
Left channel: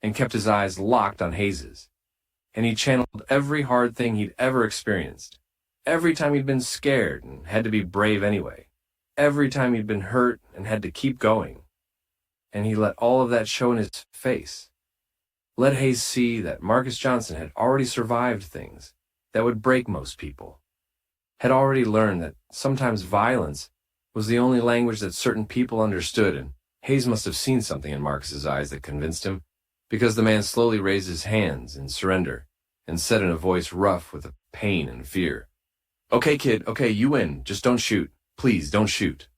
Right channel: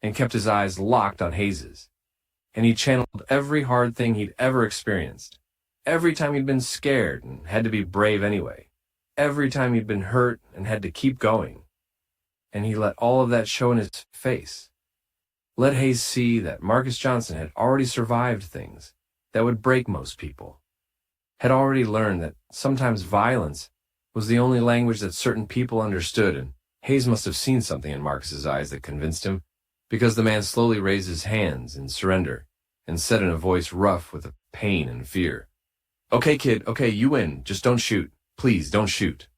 and kept his eyes locked on Hayes's. And he channeled every hard thing he'd ever experienced. Every time he'd been scared and had to be brave anyway. Every time he'd been hurt and had to keep going. And he let all of that show in his face. Let Hayes see that Marcus Johnson had already survived things that would break most people. Had already learned that sometimes violence was the only language that certain people understood, and Hayes must have seen something in Marcus's eyes that convinced him, because the man slowly raised his hands in surrender and said in a voice rough with pain and fear, "Okay, kid, okay, you win. Just don't shoot. Please, don't shoot."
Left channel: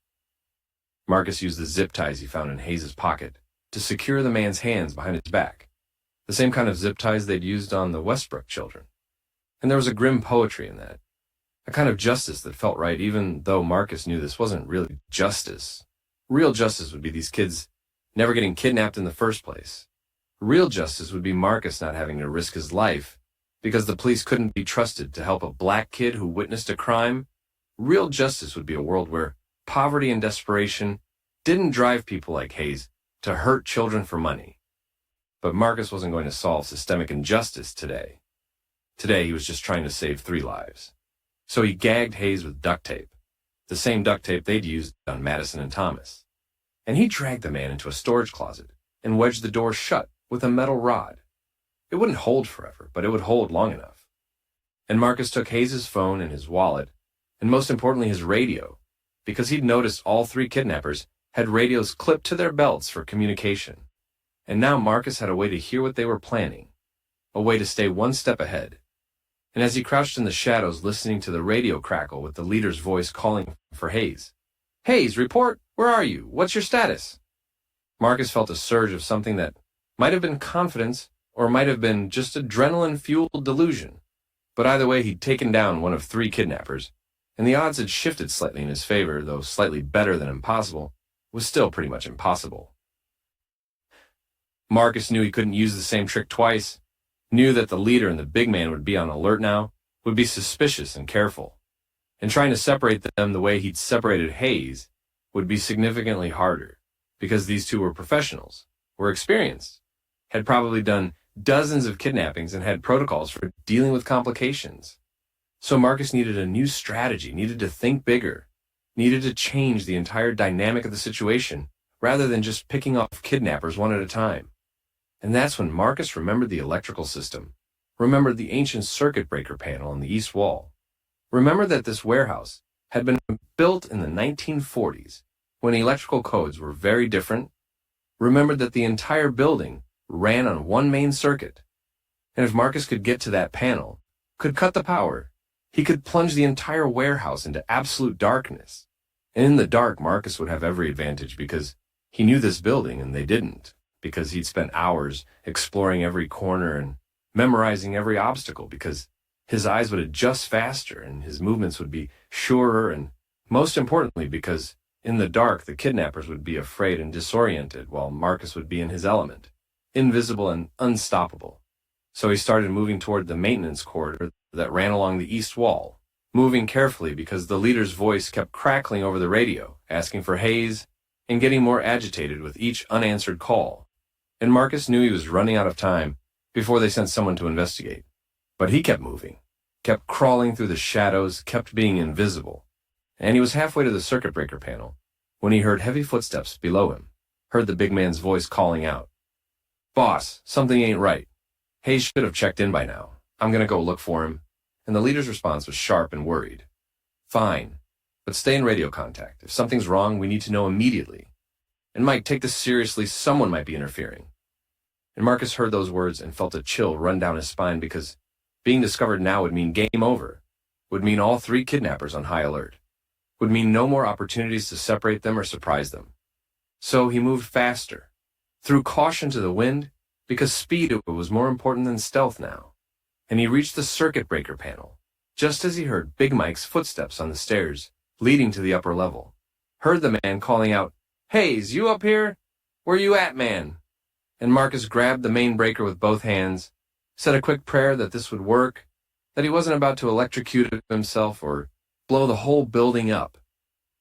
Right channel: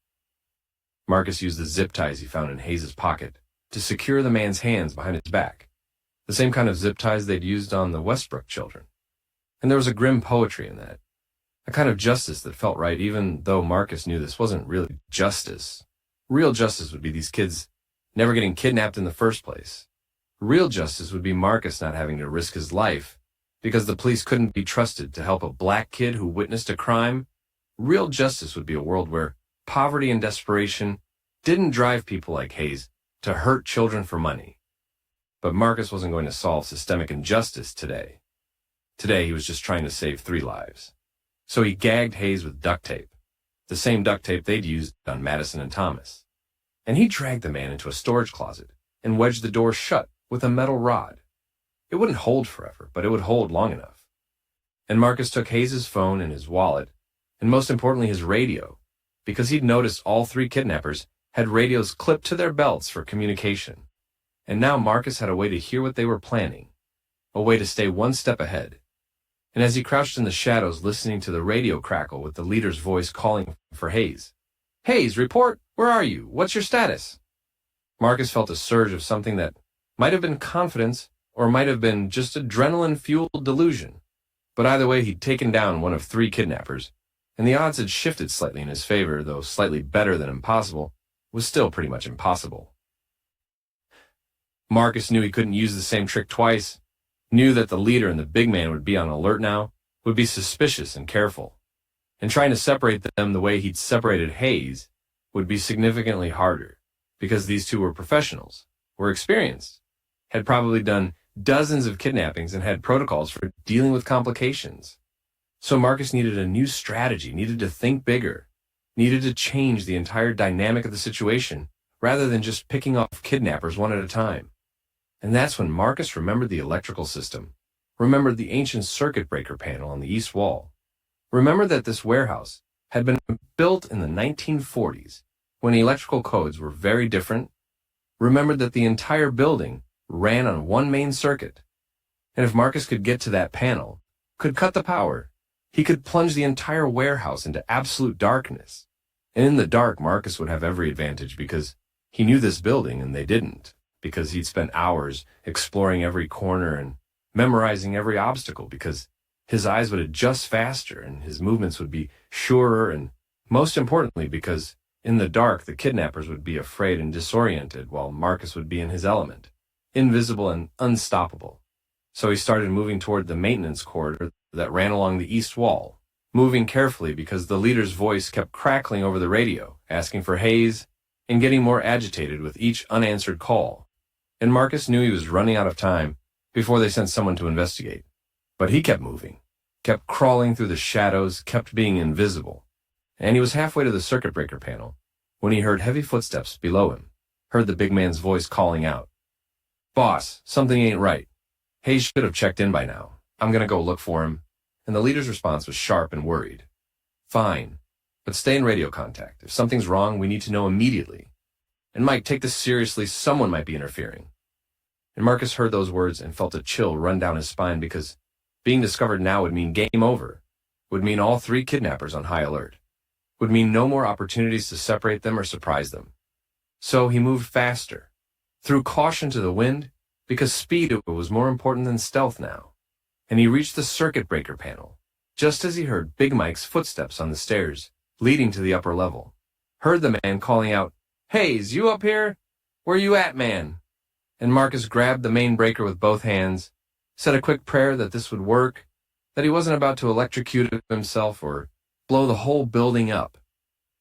Marcus used the zip ties he found in Hayes's pocket to secure the man's hands behind his back, the same kind of zip ties they'd used on the Westbrook children. And there was a grim poetry in that, a kind of justice that felt right, even though Marcus knew this wasn't really justice. Real justice would be these kids never getting kidnapped in the first place. Real justice would be Marcus not having to risk his life because the police couldn't be trusted to help a black kid who witnessed a crime. Real justice would be a world where poverty and desperation didn't drive people like Hayes to hurt children for money. But Marcus wasn't going to solve systemic injustice today. Today he was just trying to save 3 lives. So he gagged Hayes with duct tape, the same duct tape they'd used on Madison and Thomas. And he dragged the man into a storage closet and wedged the door shut with a metal rod. It wouldn't hold forever, but it would hold long enough. And Marcus took Hayes's phone and his wallet, and most importantly his radio, because he'd noticed all 3 kidnappers had radios clipped to their belts for communication. And now Marcus had a way to hear what they were planning, a way to stay one step ahead. And as he crouched in the shadows listening to the radio crackle with the leader's voice calling for Hayes, "Hayes, report! Where are you? What's your status?" Marcus felt a surge of something that might have been confidence or might have been just adrenaline-fueled delusion. But either way, he'd taken down one of 3 kidnappers, and the odds had shifted slightly in his favor, though slightly better than impossible was still pretty much impossible. Marcus knew he couldn't use the same trick twice, knew that the leader and the big man would be on alert now, would be suspicious and careful. And trying to separate them the way he'd separated Hayes would be significantly harder, because these 2 were professionals, were experienced, had probably done dozens of kidnappings and had protocols for dealing with complications. So Marcus needed a new strategy, needed to think bigger, needed to change the entire dynamic of the situation rather than just picking off kidnappers one at a time. And that's when Marcus remembered the electrical system, remembered the ancient circuit breaker panel on the east wall, remembered that this warehouse had been built in the 1940s when electrical codes were very different, remembered that the entire building ran on one main circuit. And if Marcus could get to that panel, could cut the power, he could plunge the entire warehouse into absolute darkness. And in the dark, Marcus would have every advantage because he knew this building and they didn't, because he'd spent hours exploring every corner and memorizing every obstacle, because his eyes would adjust faster and his movements would be surer, and most importantly, because in the dark, the kidnappers would be afraid and disoriented while Marcus would be in his element, invisible and unstoppable. So he started moving toward the maintenance corridor that ran along the east wall, moving carefully because the leader's voice kept crackling over the radio, asking for Hayes, and getting more agitated with each unanswered call. And Marcus knew he was running out of time before they sent someone to investigate. But he kept moving, kept crawling through the shadows, kept being invisible. And he was halfway to the circuit breaker panel when he heard heavy footsteps below him, heard the big man's voice calling out, "Boss, something ain't right. Hayes should have checked in by now. I'm going to go look for him." And the leader's response was sharp and worried. "Fine, but stay in radio contact. If something's wrong, we need to know immediately. And Mike, take this seriously. Someone might be interfering." And Marcus heard those words and felt a chill run down his spine, because being discovered now would mean game over, would mean all 3 kidnappers on high alert, would mean no more opportunities to separate them or surprise them. So he moved faster, threw caution to the wind, because speed was more important than stealth now. And he reached the circuit breaker panel, just as he heard Big Mike's footsteps on the stairs leading to the upper level. Heard the man calling out, "Hayes, you up here? Where you at, man?" And Marcus grabbed the main breaker with both hands, said a quick prayer that this would work, that he wasn't about to electrocute himself or blow the whole building up.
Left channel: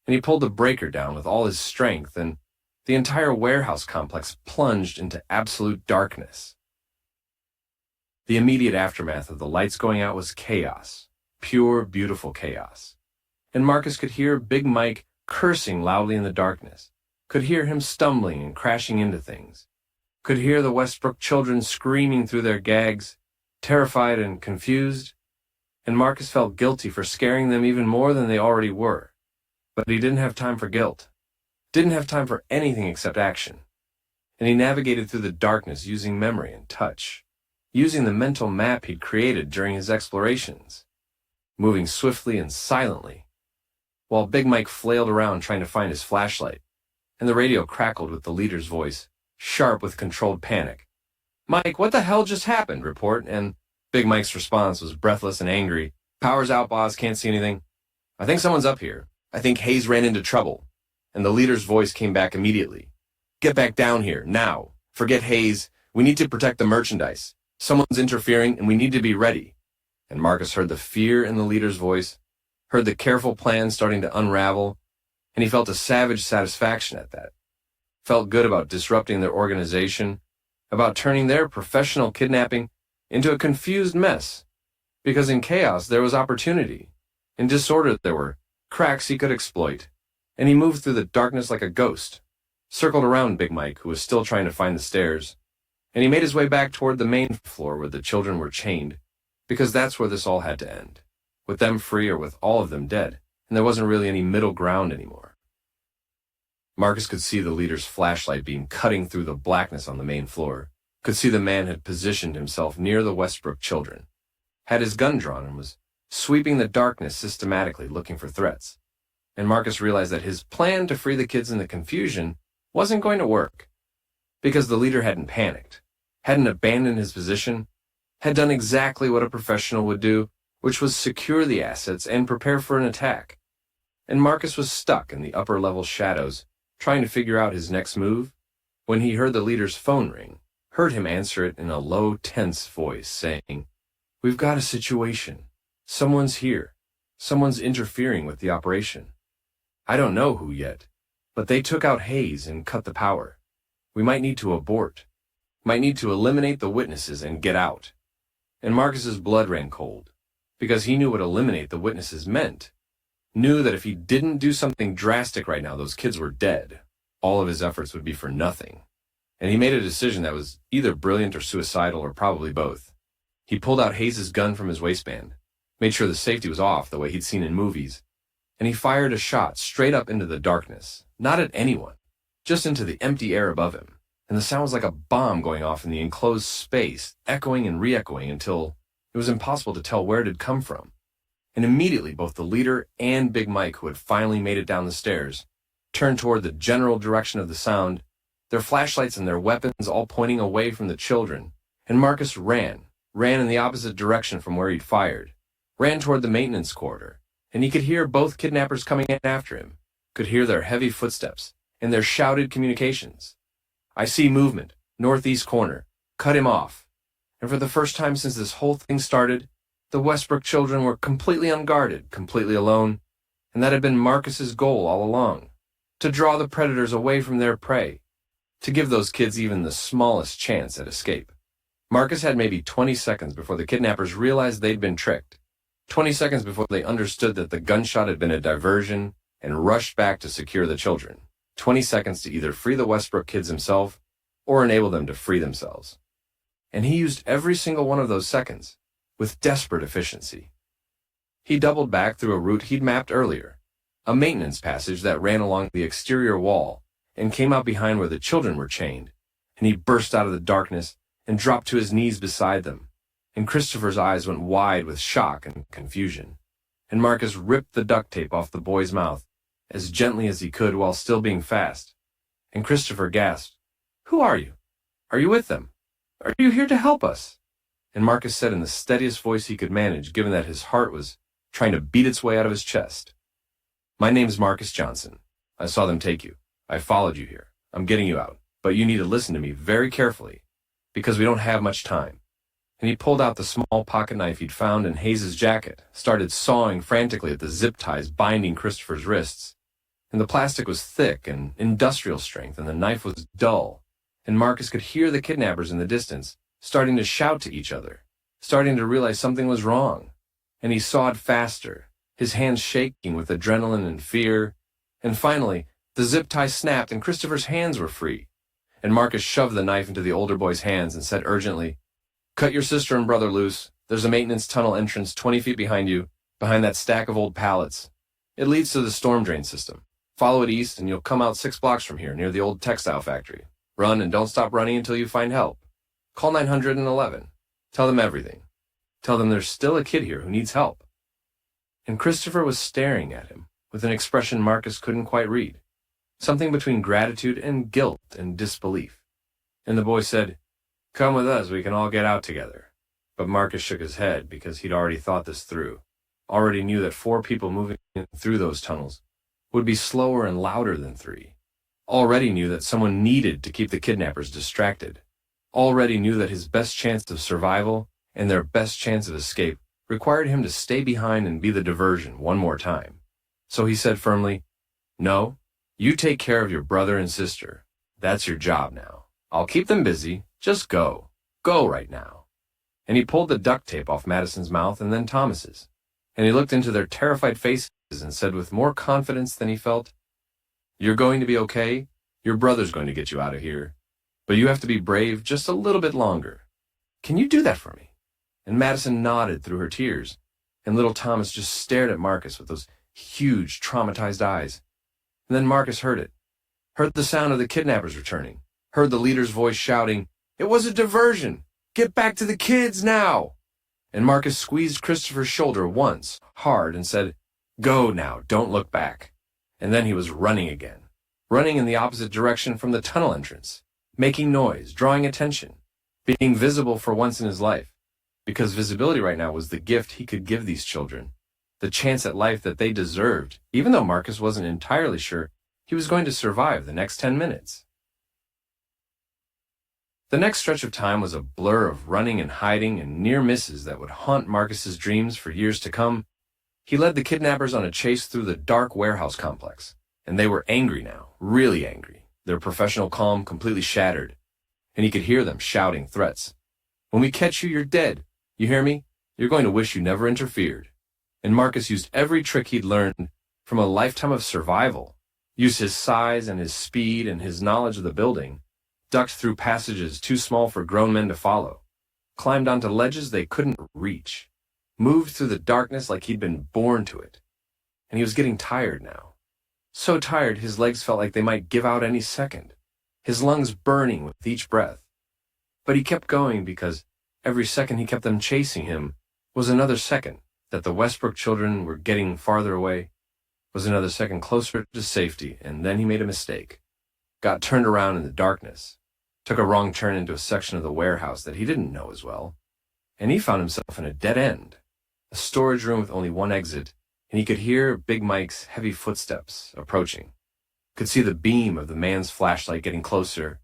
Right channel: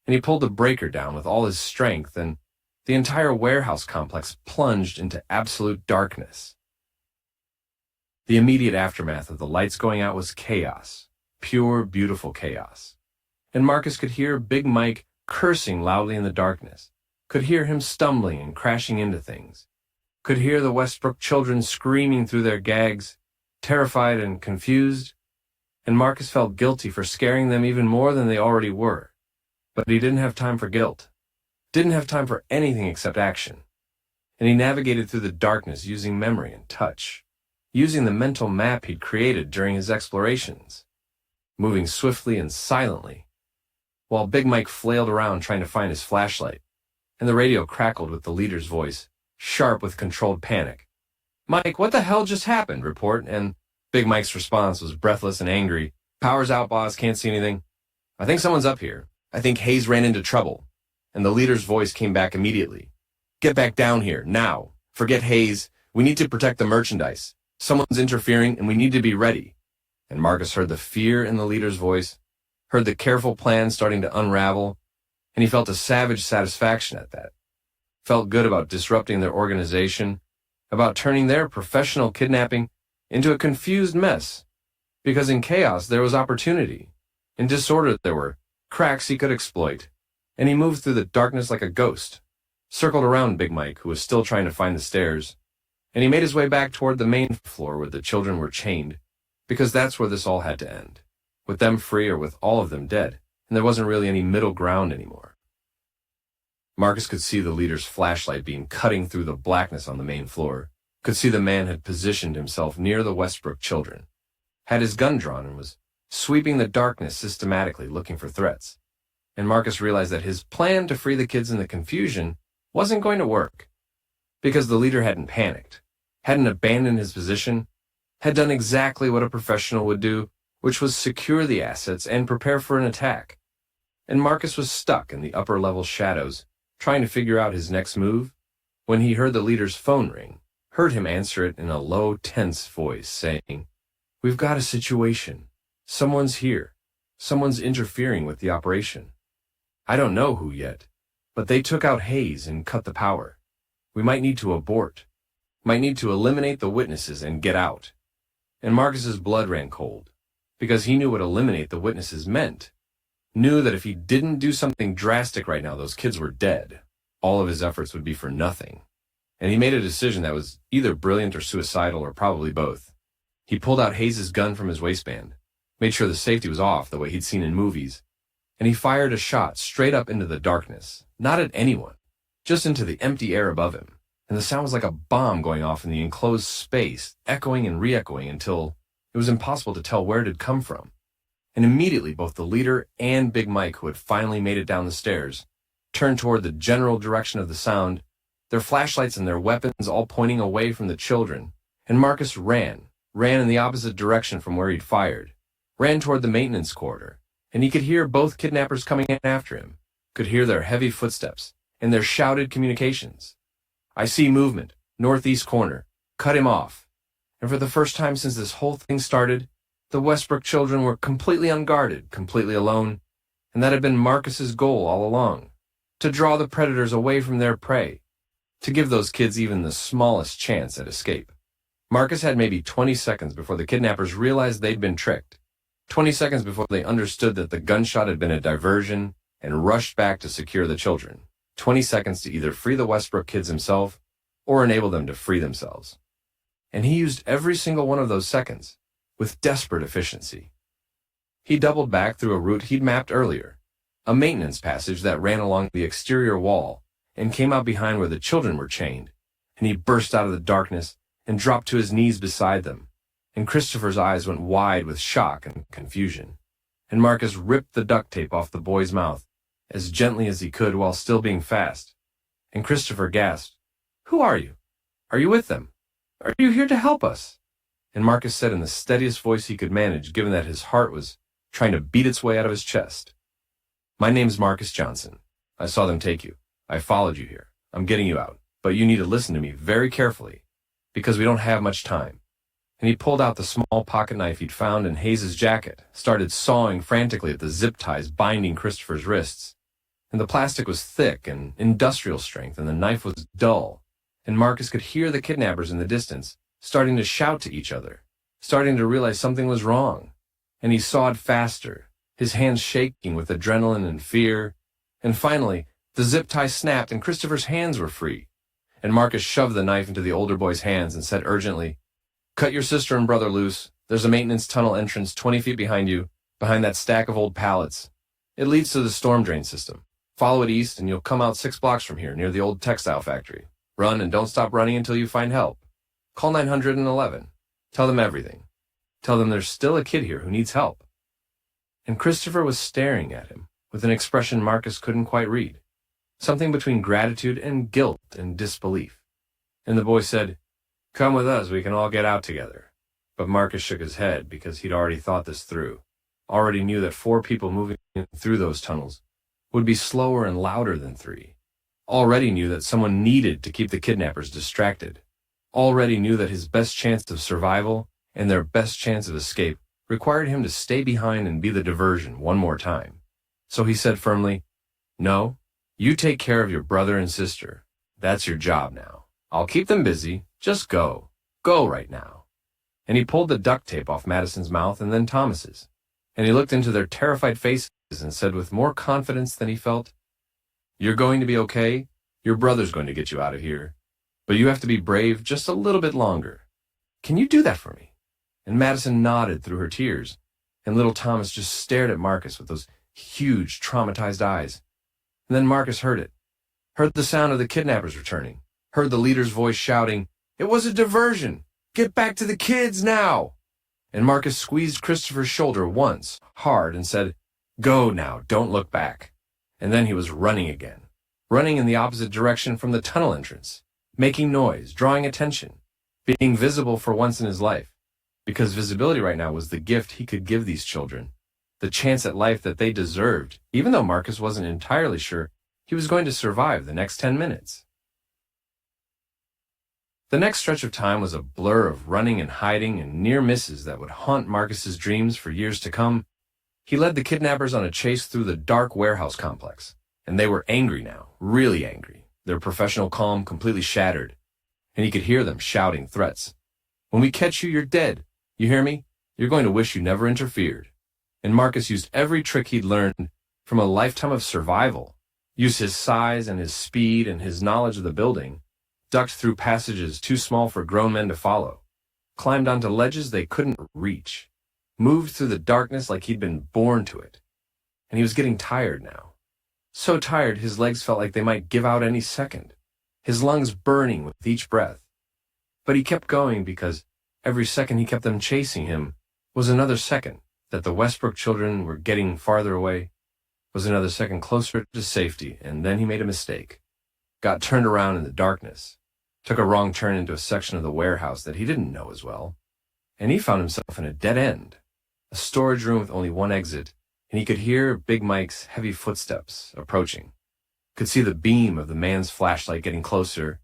And he pulled the breaker down with all his strength, and The entire warehouse complex plunged into absolute darkness. The immediate aftermath of the lights going out was chaos, pure, beautiful chaos. And Marcus could hear Big Mike cursing loudly in the darkness, could hear him stumbling and crashing into things, could hear the Westbrook children screaming through their gags, terrified and confused, and Marcus felt guilty for scaring them even more than they already were. But he didn't have time for guilt, didn't have time for anything except action. And he navigated through the darkness using memory and touch, using the mental map he'd created during his explorations, moving swiftly and silently, while Big Mike flailed around trying to find his flashlight, and the radio crackled with the leader's voice, sharp with controlled panic. "Mike, what the hell just happened?" report, and Big Mike's response was breathless and angry. "Power's out, boss, can't see anything. I think someone's up here. I think Hayes ran into trouble." And the leader's voice came back immediately. "Get back down here, now. Forget Hayes. We need to protect the merchandise. Someone's interfering, and we need to be ready." And Marcus heard the fear in the leader's voice, heard the careful plan starting to unravel, and he felt a savage satisfaction at that. Felt good about disrupting their organization, about turning their professional kidnapping into a confused mess. Because in chaos there was opportunity. In disorder there were cracks he could exploit. And he moved through the darkness like a ghost, circled around Big Mike, who was still trying to find the stairs, and he made his way back toward the main floor where the children were chained, because that's where this all had to end, with them free or with all of them dead, and there wasn't really any middle ground anymore. Marcus could see the leader's flashlight beam cutting through the blackness on the main floor, could see the man had positioned himself near the Westbrook children, had his gun drawn and was sweeping the darkness systematically looking for threats. And Marcus realized that his plan to free the kids in the confusion wasn't going to work, because the leader hadn't panicked, hadn't abandoned his position, had done exactly what a professional would do, which was secure the assets and prepare for an attack. And Marcus was stuck in the upper-level shadows, trying to figure out his next move, when he heard the leader's phone ring, heard him answer it in a low, tense voice, saying, "We've got a situation. Someone's here. Someone's interfering with the operation. I don't know who yet, but they took out Hayes and cut the power. We might need to abort, might need to eliminate the witnesses and get out." And Marcus's blood ran cold, because he knew what eliminate the witnesses meant, knew that if he didn't do something drastic right now, those kids were dead. All of his efforts would be for nothing. And he made a decision that was either brilliant or suicidal or probably both. He pulled out Hayes' gun from his waistband, made sure the safety was off the way he'd seen in movies, and he fired a shot straight up into the darkness, not at anyone, just into the empty air above him. And the sound was like a bomb going off in the enclosed space, echoing and re-echoing until it was impossible to tell where it had come from. And immediately both the leader and Big Mike, who had finally made it down the stairs, turned toward the general direction of the sound, their flashlights and their weapons all pointing away from the children. And Marcus ran in the opposite direction from where he'd fired, ran toward the maintenance corridor. And he could hear both kidnappers coming in after him, could hear their heavy footsteps and their shouted communications. "I see movement, northeast corner, cut him off." And for the first time since this whole thing started, the Westbrook children were completely unguarded, completely alone, and that had been Marcus's goal all along, to draw the predators away from their prey, to give those kids even the smallest chance at escape. Marcus had maybe 20 seconds before the kidnappers realized they'd been tricked. 20 seconds before they understood that the gunshot had been a diversion and rushed back to secure the children. 20 seconds to either free the Westbrook kids himself or enable them to free themselves. And he used every single one of those seconds with desperate efficiency. He doubled back through a route he'd mapped earlier, a maintenance passage that ran along the exterior wall and came out behind where the children were chained, and he burst out of the darkness and dropped to his knees beside them. And Christopher's eyes went wide with shock and confusion. And Marcus ripped the duct tape off the boy's mouth as gently as he could while still being fast. And Christopher gasped, "Who are you? Are you with them? Are you here to help us?" And Marcus said in the steadiest voice he could manage, given that his heart was trying to beat its way out of his chest, "My name's Marcus Johnson. I saw them take you. I followed you here. I'm getting you out. But you need to listen to me very carefully, because we don't have much time." And he pulled out the small pocket knife he'd found in Hayes' jacket, started sawing frantically at the zip ties binding Christopher's wrists. And the plastic was thick and industrial strength, and the knife was dull. And Marcus could hear the kidnappers in the distance, starting to shout to each other, starting to realize something was wrong. And he sawed faster, his hands shaking with adrenaline and fear. And finally, the zip tie snapped and Christopher's hands were free. And Marcus shoved the knife into the older boy's hands and said urgently, "Cut your sister and brother loose. There's a maintenance tunnel entrance 20 feet behind you, behind that stack of old pallets. It leads to the storm drain system. Follow it east and you'll come out 6 blocks from here near the old textile factory. Run and don't stop running until you find help. Call 911. Tell them everything. Tell them there's still a kid here who needs help." And Christopher was staring at him with an expression Marcus couldn't quite read, something between gratitude and guilt and disbelief. And the boy said, "Come with us, we can all get out together." But Marcus shook his head because he'd already thought this through, already knew that 4 people moving through those tunnels would be slower and louder than 3, already knew that someone needed to keep the kidnappers distracted, already knew that his best chance of survival and their best chance of escape required him to stay behind and be the diversion one more time. So he said firmly, "No, you take care of your brother and sister. That's your job now. I'll keep them busy. Just go. Go right now." And he pulled the duct tape off Madison's mouth and then Thomas's. And he looked into their terrified faces and said with more confidence than he felt, "You're going to be okay. Your brother's going to get you out of here. But you have to be brave just a little bit longer. Can you do that for me?" And Madison nodded through her tears, and little Thomas just stared at Marcus with those huge, traumatized eyes. And then Marcus heard it, heard the sound of the kidnappers returning, heard the leader's voice shouting, "It was a diversion! Get back to the kids now!" And Marcus squeezed Christopher's shoulder once, hard, and said, "Go now, don't look back." And then he was running again, running in the opposite direction from the tunnel entrance, making noise, drawing attention, being visible for once in his life. Because visibility right now was the gift he could give these children, the chance at life that they deserved, even though Marcus wasn't entirely sure he was going to survive the next 10 minutes. The next stretch of time was a blur of running and hiding and near misses that would haunt Marcus's dreams for years to come. He led the kidnappers on a chase through the dark warehouse complex, and they were angry now, really angry, their professional calm completely shattered, and he could hear them shouting threats. "When we catch you, you're dead. You hear me? You're going to wish you never interfered." And Marcus used every trick he'd learned from a lifetime of survival, used his size and his speed and his knowledge of the building, ducked through passages too small for grown men to follow, climbed onto ledges they couldn't reach, moved through the darkness like he'd been born to it. And he was getting tired now. So tired his legs felt like they might give out any second, his lungs burning with each breath. But he kept going because every second he kept them chasing him was another second that the Westbrook children were getting farther away, was another second closer to safety, and then he made a mistake. Got turned around in the darkness, took a wrong turn into a section of the warehouse that he didn't know as well, and he found himself in a dead end, a storage room with only one exit, and he could hear Big Mike's heavy footsteps approaching, could see the beam of the man's flashlight getting closer,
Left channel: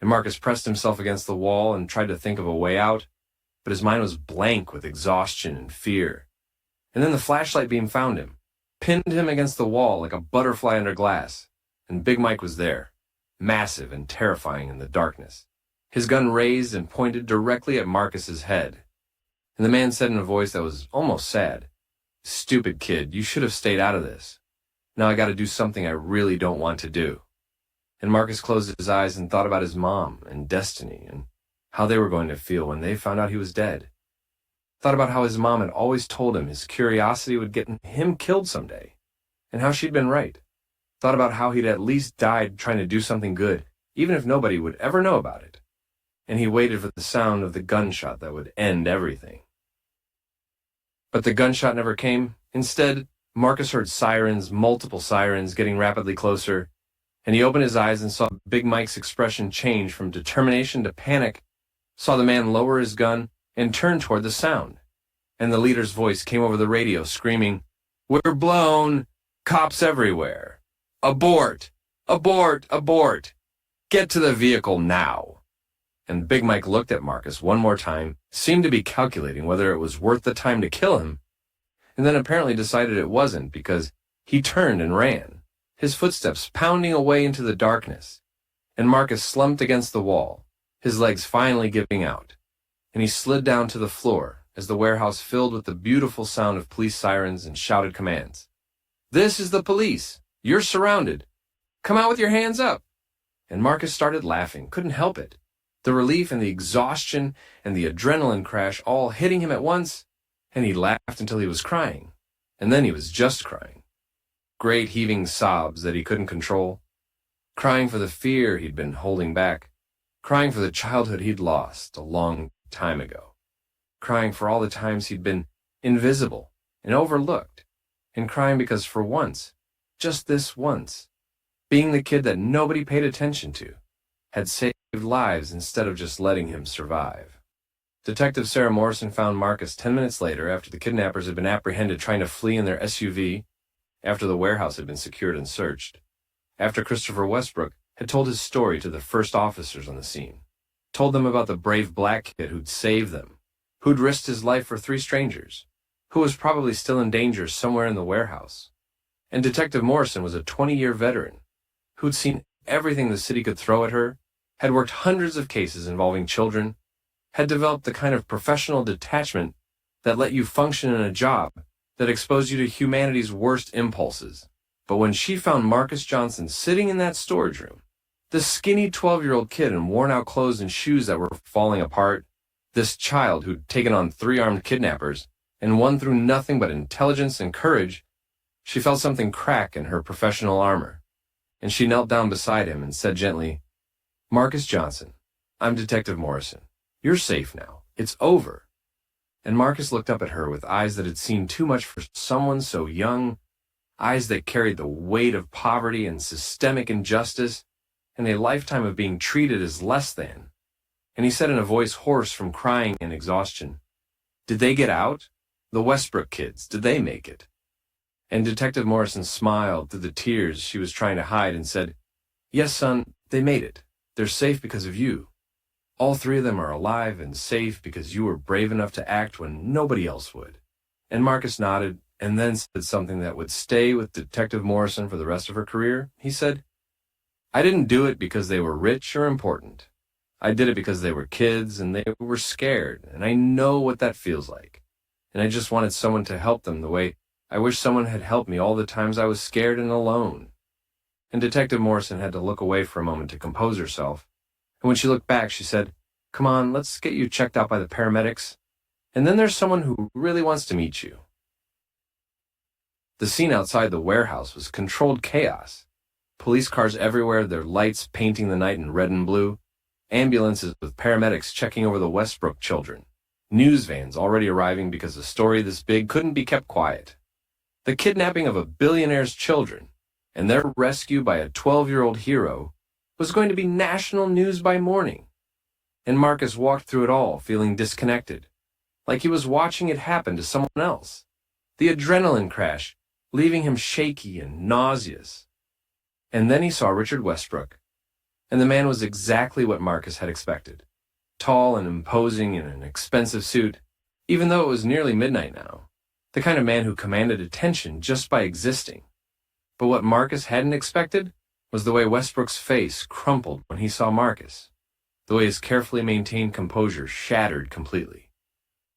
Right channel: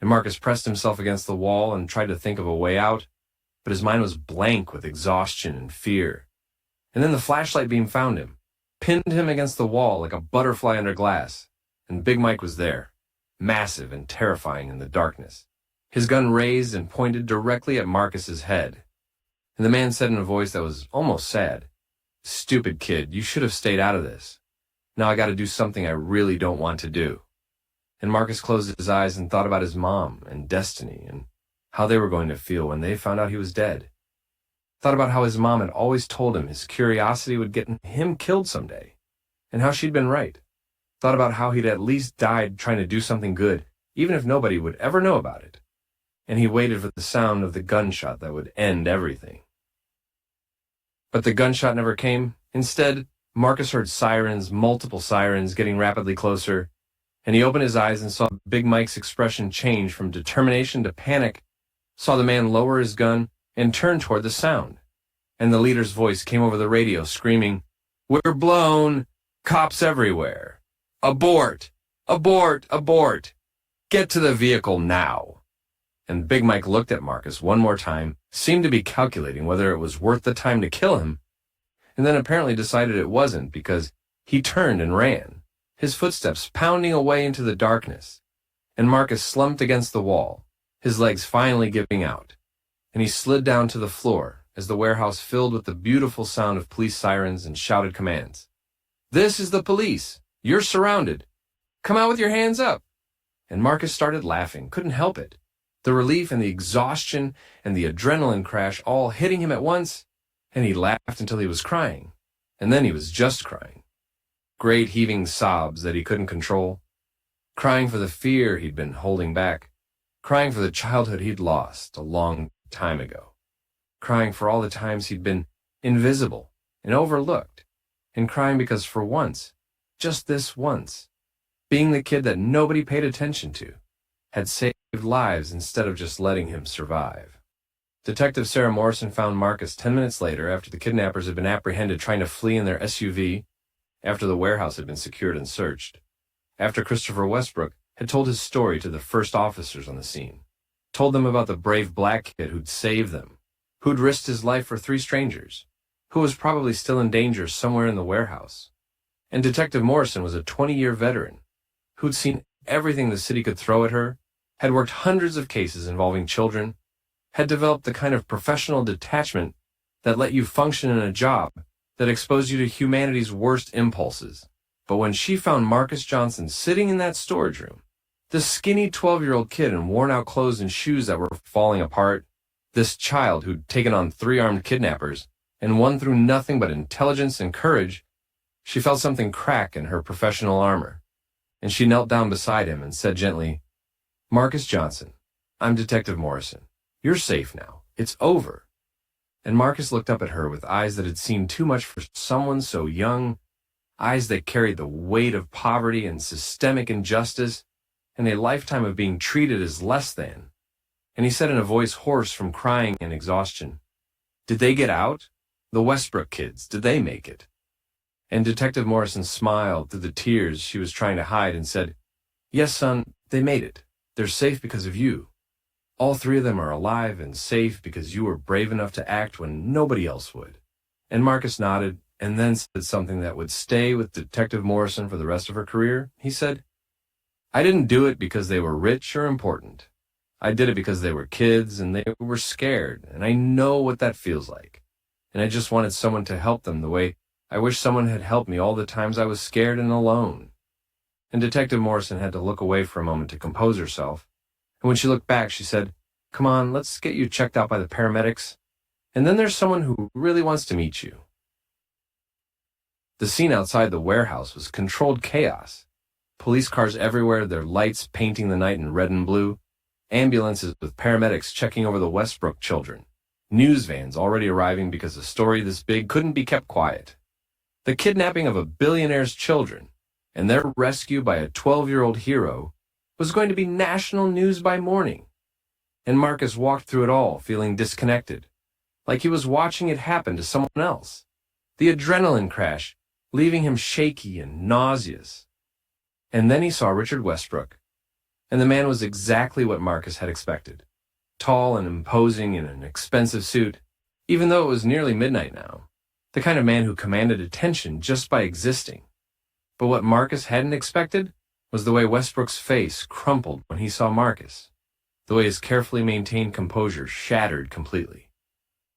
and Marcus pressed himself against the wall and tried to think of a way out, but his mind was blank with exhaustion and fear. And then the flashlight beam found him, pinned him against the wall like a butterfly under glass, and Big Mike was there, massive and terrifying in the darkness, his gun raised and pointed directly at Marcus's head. And the man said in a voice that was almost sad, "Stupid kid, you should have stayed out of this. Now I gotta do something I really don't want to do." And Marcus closed his eyes and thought about his mom and Destiny and how they were going to feel when they found out he was dead. Thought about how his mom had always told him his curiosity would get him killed someday, and how she'd been right. Thought about how he'd at least died trying to do something good, even if nobody would ever know about it. And he waited for the sound of the gunshot that would end everything. But the gunshot never came. Instead, Marcus heard sirens, multiple sirens, getting rapidly closer, and he opened his eyes and saw Big Mike's expression change from determination to panic, saw the man lower his gun and turn toward the sound. And the leader's voice came over the radio screaming, "We're blown! Cops everywhere! Abort! Abort! Abort! Get to the vehicle now!" And Big Mike looked at Marcus one more time, seemed to be calculating whether it was worth the time to kill him, and then apparently decided it wasn't because he turned and ran, his footsteps pounding away into the darkness, and Marcus slumped against the wall, his legs finally giving out, and he slid down to the floor as the warehouse filled with the beautiful sound of police sirens and shouted commands. "This is the police! You're surrounded! Come out with your hands up!" And Marcus started laughing, couldn't help it. The relief and the exhaustion and the adrenaline crash all hitting him at once, and he laughed until he was crying, and then he was just crying. Great heaving sobs that he couldn't control, crying for the fear he'd been holding back, crying for the childhood he'd lost a long time ago, crying for all the times he'd been invisible and overlooked, and crying because for once, just this once, being the kid that nobody paid attention to had saved lives instead of just letting him survive. Detective Sarah Morrison found Marcus 10 minutes later after the kidnappers had been apprehended trying to flee in their SUV, after the warehouse had been secured and searched, after Christopher Westbrook had told his story to the first officers on the scene, told them about the brave black kid who'd saved them, who'd risked his life for 3 strangers, who was probably still in danger somewhere in the warehouse. And Detective Morrison was a 20-year veteran who'd seen everything the city could throw at her, had worked hundreds of cases involving children, had developed the kind of professional detachment that let you function in a job that exposed you to humanity's worst impulses. But when she found Marcus Johnson sitting in that storage room, this skinny 12-year-old kid in worn-out clothes and shoes that were falling apart, this child who'd taken on 3 armed kidnappers and won through nothing but intelligence and courage, she felt something crack in her professional armor, and she knelt down beside him and said gently, "Marcus Johnson, I'm Detective Morrison. You're safe now. It's over." And Marcus looked up at her with eyes that had seen too much for someone so young, eyes that carried the weight of poverty and systemic injustice and a lifetime of being treated as less than. And he said in a voice hoarse from crying and exhaustion, "Did they get out? The Westbrook kids, did they make it?" And Detective Morrison smiled through the tears she was trying to hide and said, "Yes, son, they made it. They're safe because of you. All 3 of them are alive and safe because you were brave enough to act when nobody else would." And Marcus nodded and then said something that would stay with Detective Morrison for the rest of her career. He said, "I didn't do it because they were rich or important. I did it because they were kids and they were scared, and I know what that feels like. And I just wanted someone to help them the way I wish someone had helped me all the times I was scared and alone." And Detective Morrison had to look away for a moment to compose herself. And when she looked back, she said, "Come on, let's get you checked out by the paramedics. And then there's someone who really wants to meet you." The scene outside the warehouse was controlled chaos. Police cars everywhere, their lights painting the night in red and blue. Ambulances with paramedics checking over the Westbrook children. News vans already arriving because a story this big couldn't be kept quiet. The kidnapping of a billionaire's children and their rescue by a 12-year-old hero was going to be national news by morning. And Marcus walked through it all feeling disconnected, like he was watching it happen to someone else. The adrenaline crash leaving him shaky and nauseous. And then he saw Richard Westbrook, and the man was exactly what Marcus had expected. Tall and imposing in an expensive suit, even though it was nearly midnight now. The kind of man who commanded attention just by existing. But what Marcus hadn't expected was the way Westbrook's face crumpled when he saw Marcus. The way his carefully maintained composure shattered completely.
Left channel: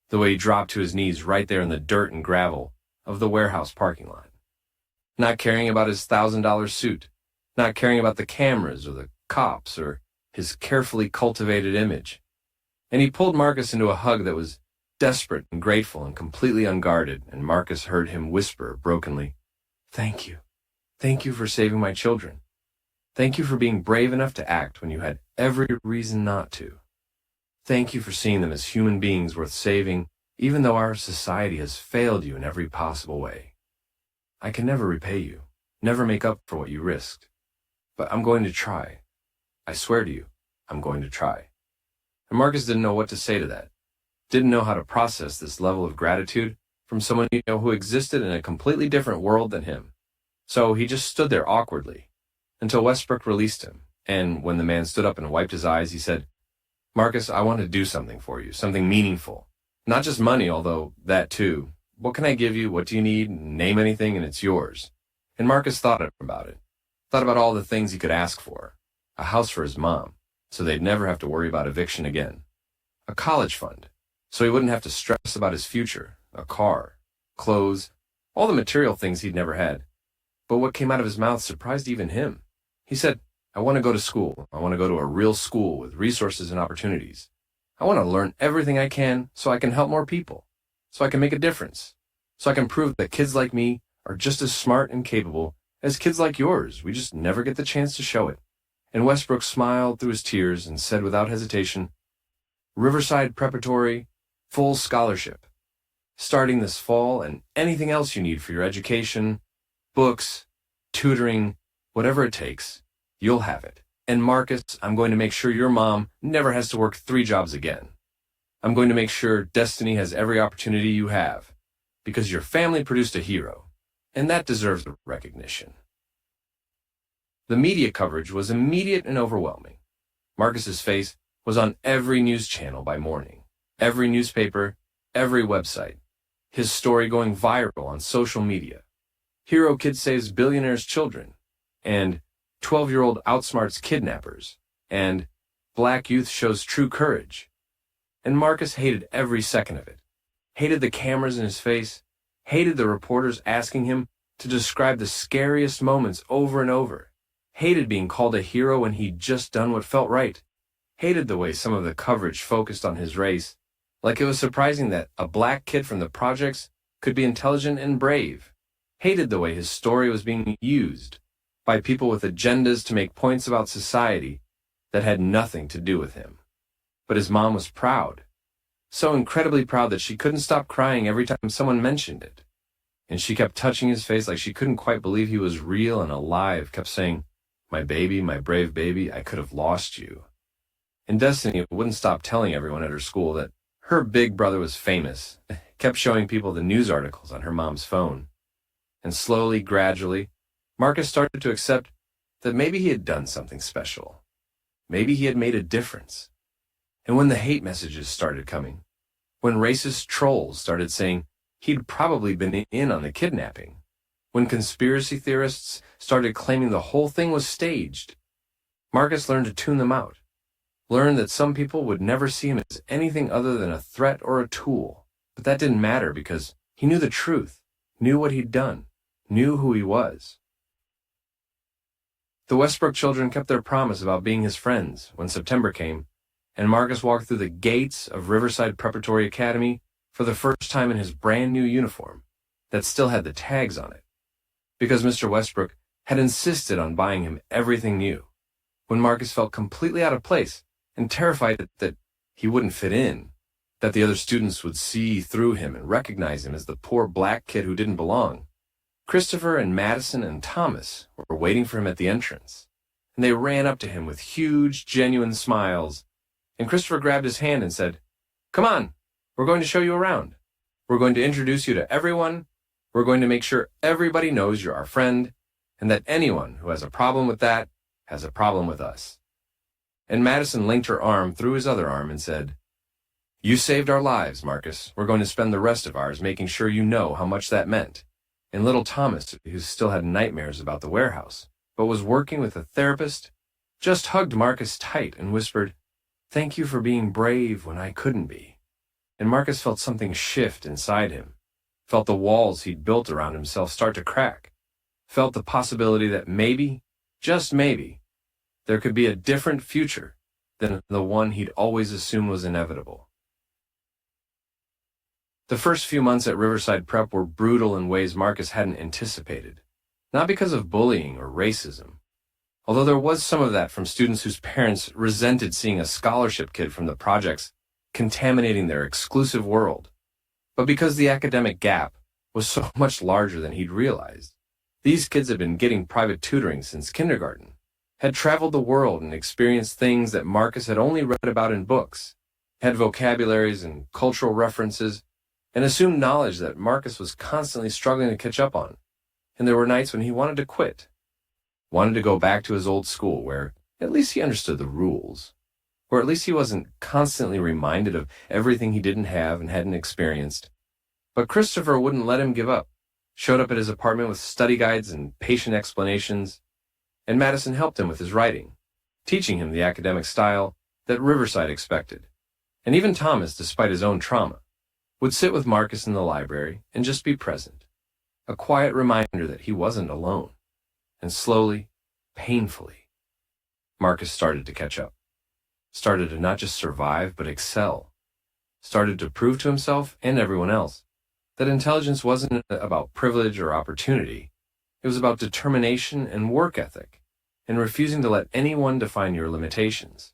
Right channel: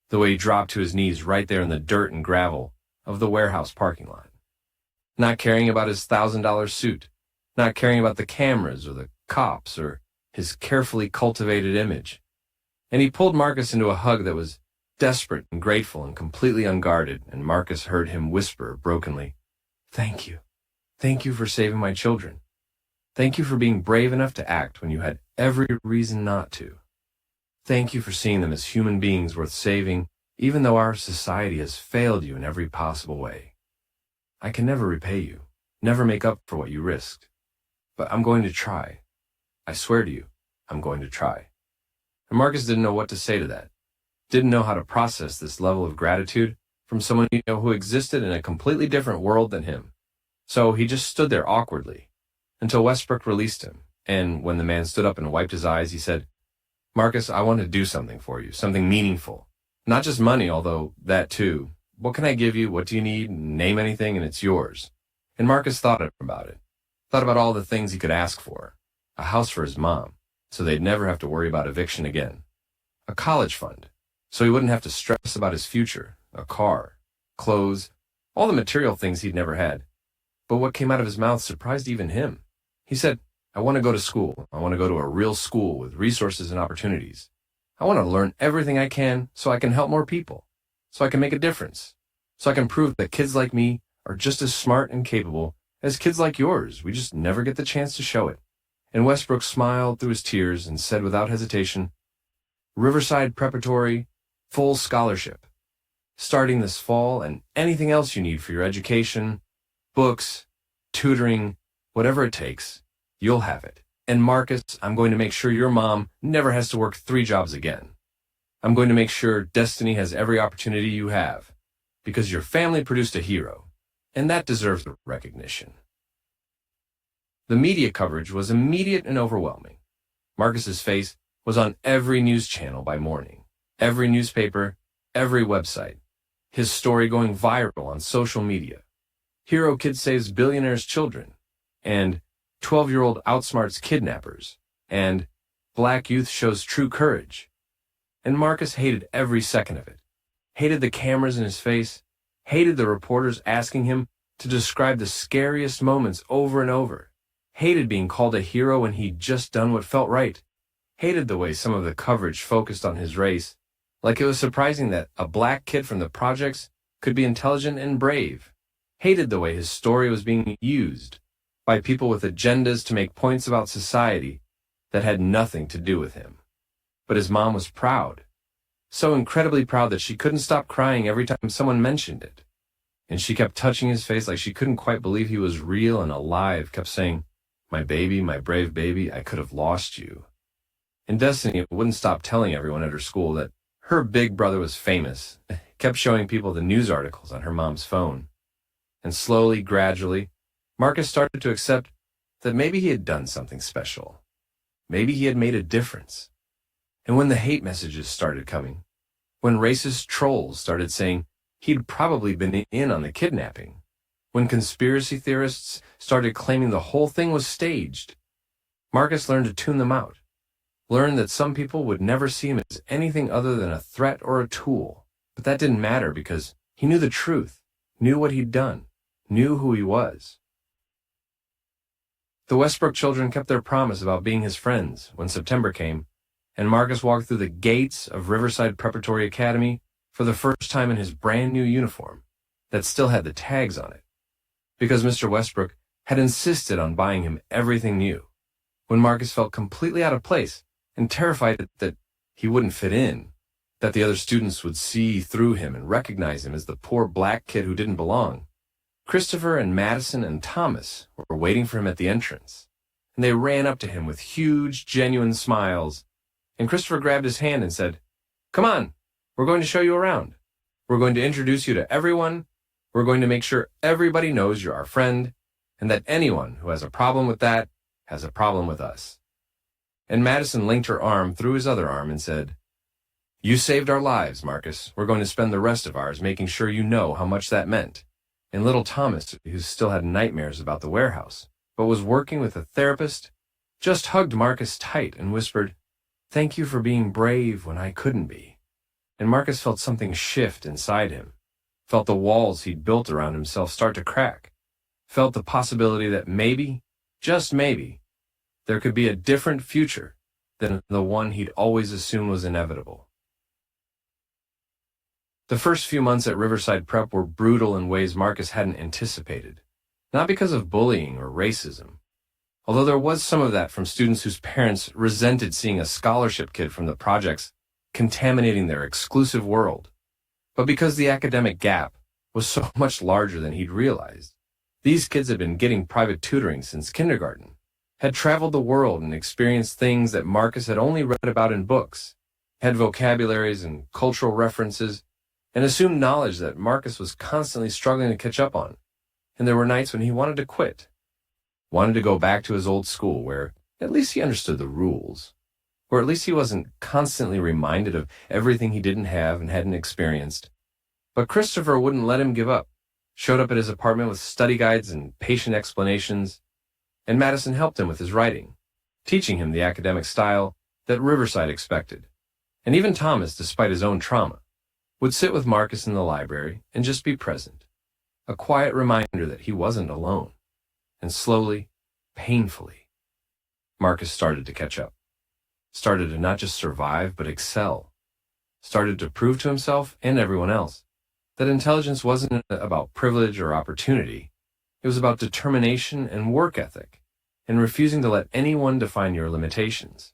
The way he dropped to his knees right there in the dirt and gravel of the warehouse parking lot. Not caring about his $1,000 suit. Not caring about the cameras or the cops or his carefully cultivated image. And he pulled Marcus into a hug that was desperate and grateful and completely unguarded, and Marcus heard him whisper brokenly, "Thank you. Thank you for saving my children. Thank you for being brave enough to act when you had every reason not to. Thank you for seeing them as human beings worth saving, even though our society has failed you in every possible way. I can never repay you, never make up for what you risked. But I'm going to try. I swear to you, I'm going to try." And Marcus didn't know what to say to that. Didn't know how to process this level of gratitude from someone who existed in a completely different world than him. So he just stood there awkwardly until Westbrook released him. And when the man stood up and wiped his eyes, he said, "Marcus, I want to do something for you, something meaningful. Not just money, although that too. What can I give you? What do you need? Name anything and it's yours." And Marcus thought about it. Thought about all the things he could ask for. A house for his mom, so they'd never have to worry about eviction again. A college fund, so he wouldn't have to stress about his future. A car, clothes, all the material things he'd never had. But what came out of his mouth surprised even him. He said, I want to go to school. I want to go to a real school with resources and opportunities. I want to learn everything I can so I can help more people, so I can make a difference, so I can prove that kids like me are just as smart and capable as kids like yours. We just never get the chance to show it. And Westbrook smiled through his tears and said without hesitation, Riverside Preparatory, full scholarship. Starting this fall, and anything else you need for your education, books, tutoring, whatever it takes, you'll have it. And Marcus, I'm going to make sure your mom never has to work 3 jobs again. I'm going to make sure Destiny has every opportunity you have, because your family produced a hero, and that deserves recognition. The media coverage was immediate and overwhelming. Marcus's face was on every news channel by morning, every newspaper, every website. His story going viral on social media. Hero kid saves billionaire's children, and 12-year-old outsmarts kidnappers, and black youth shows true courage. And Marcus hated every second of it. Hated the cameras in his face, hated the reporters asking him to describe the scariest moments over and over, hated being called a hero when he'd just done what felt right, hated the way some of the coverage focused on his race, like it was surprising that a black kid from the projects could be intelligent and brave, hated the way his story was being used by people with agendas to make points about society that had nothing to do with him. But his mom was proud, so incredibly proud that she couldn't stop crying every time someone mentioned it. And she kept touching his face like she couldn't quite believe he was real and alive, kept saying, my baby, my brave baby, I could have lost you. And Destiny wouldn't stop telling everyone at her school that her big brother was famous, kept showing people the news articles on her mom's phone. And slowly, gradually, Marcus started to accept that maybe he had done something special. Maybe he had made a difference. And when the hate messages started coming, when racist trolls started saying he'd probably been in on the kidnapping, when conspiracy theorists started claiming the whole thing was staged, Marcus learned to tune them out, learned that some people would never see him as anything other than a threat or a tool. But that didn't matter because he knew the truth, knew what he'd done, knew who he was. The Westbrook children kept their promise about being his friends when September came, and Marcus walked through the gates of Riverside Preparatory Academy for the first time in his brand new uniform that still had the tags on it, because Mr. Westbrook had insisted on buying him everything new. When Marcus felt completely out of place and terrified that he wouldn't fit in, that the other students would see through him and recognize him as the poor black kid who didn't belong, Christopher and Madison and Thomas were waiting for him at the entrance, and they ran up to him with huge, genuine smiles, and Christopher grabbed his hand and said, "Come on, we're going to show you around. We're going to introduce you to everyone. We're going to make sure everybody knows you're our friend, and that anyone who has a problem with that has a problem with us." And Madison linked her arm through his other arm and said, "You saved our lives, Marcus. We're going to spend the rest of ours making sure you know how much that meant." And little Thomas, who still had nightmares about the warehouse, but was working with a therapist, just hugged Marcus tight and whispered, "Thank you for being brave when I couldn't be." And Marcus felt something shift inside him, felt the walls he'd built around himself start to crack, felt the possibility that maybe, just maybe, there could be a different future than the one he'd always assumed was inevitable. The first few months at Riverside Prep were brutal in ways Marcus hadn't anticipated, not because of bullying or racism, although there was some of that from students whose parents resented seeing a scholarship kid from the projects contaminating their exclusive world, but because the academic gap was so much larger than he'd realized. These kids had been getting private tutoring since kindergarten, had traveled the world and experienced things that Marcus had only read about in books, had vocabularies and cultural references, and assumed knowledge that Marcus was constantly struggling to catch up on. And there were nights when he wanted to quit, wanted to go back to his old school where at least he understood the rules, or at least he wasn't constantly reminded of everything he didn't have and hadn't experienced. But Christopher wouldn't let him give up, showed up at his apartment with study guides and patient explanations, and Madison helped him with his writing, teaching him the academic style that Riverside expected. And even Thomas, despite his own trauma, would sit with Marcus in the library and just be present, a quiet reminder that he wasn't alone. And slowly, painfully, Marcus started to catch up, started to not just survive but excel, started to prove to himself and everyone else that intelligence wasn't about privilege or opportunity. It was about determination and work ethic, and refusing to let anyone define your limitations.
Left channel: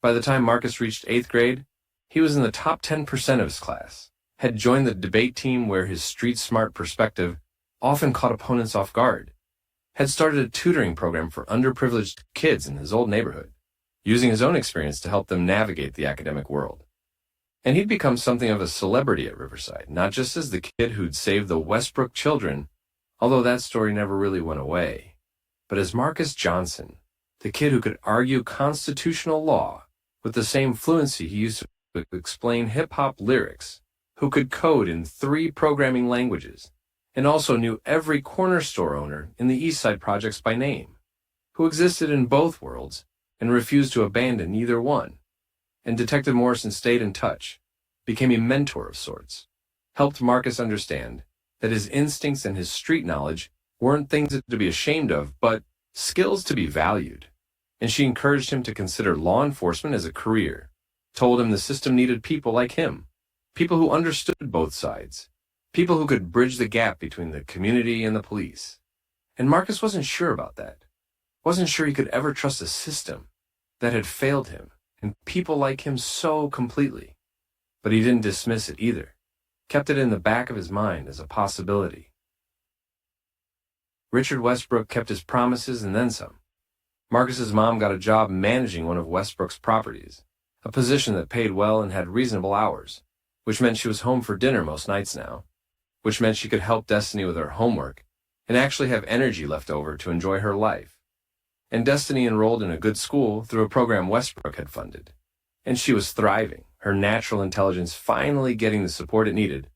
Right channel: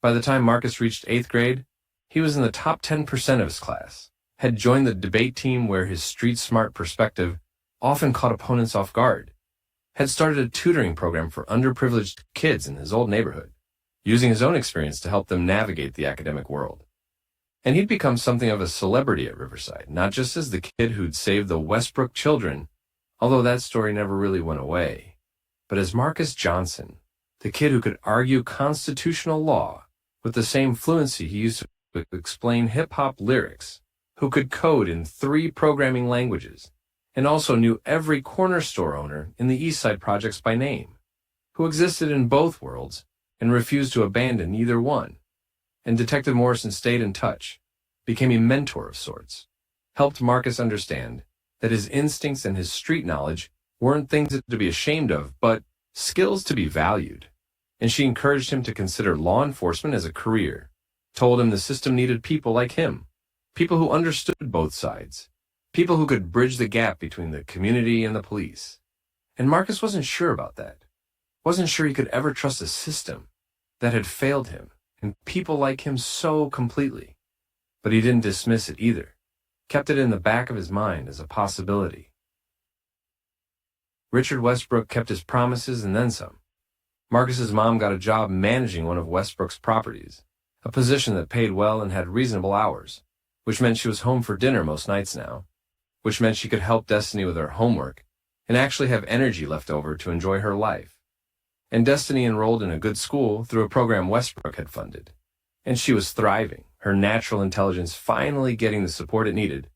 By the time Marcus reached 8th grade, he was in the top 10% of his class, had joined the debate team where his street-smart perspective often caught opponents off guard, had started a tutoring program for underprivileged kids in his old neighborhood, using his own experience to help them navigate the academic world. And he'd become something of a celebrity at Riverside, not just as the kid who'd saved the Westbrook children, although that story never really went away, but as Marcus Johnson, the kid who could argue constitutional law with the same fluency he used to explain hip-hop lyrics, who could code in 3 programming languages, and also knew every corner store owner in the East Side projects by name, who existed in both worlds and refused to abandon either one. And Detective Morrison stayed in touch, became a mentor of sorts, helped Marcus understand that his instincts and his street knowledge weren't things to be ashamed of, but skills to be valued. And she encouraged him to consider law enforcement as a career, told him the system needed people like him, people who understood both sides, people who could bridge the gap between the community and the police. And Marcus wasn't sure about that, wasn't sure he could ever trust a system that had failed him and people like him so completely. But he didn't dismiss it either, kept it in the back of his mind as a possibility. Richard Westbrook kept his promises and then some. Marcus's mom got a job managing one of Westbrook's properties, a position that paid well and had reasonable hours, which meant she was home for dinner most nights now, which meant she could help Destiny with her homework and actually have energy left over to enjoy her life. And Destiny enrolled in a good school through a program Westbrook had funded. And she was thriving, her natural intelligence finally getting the support it needed.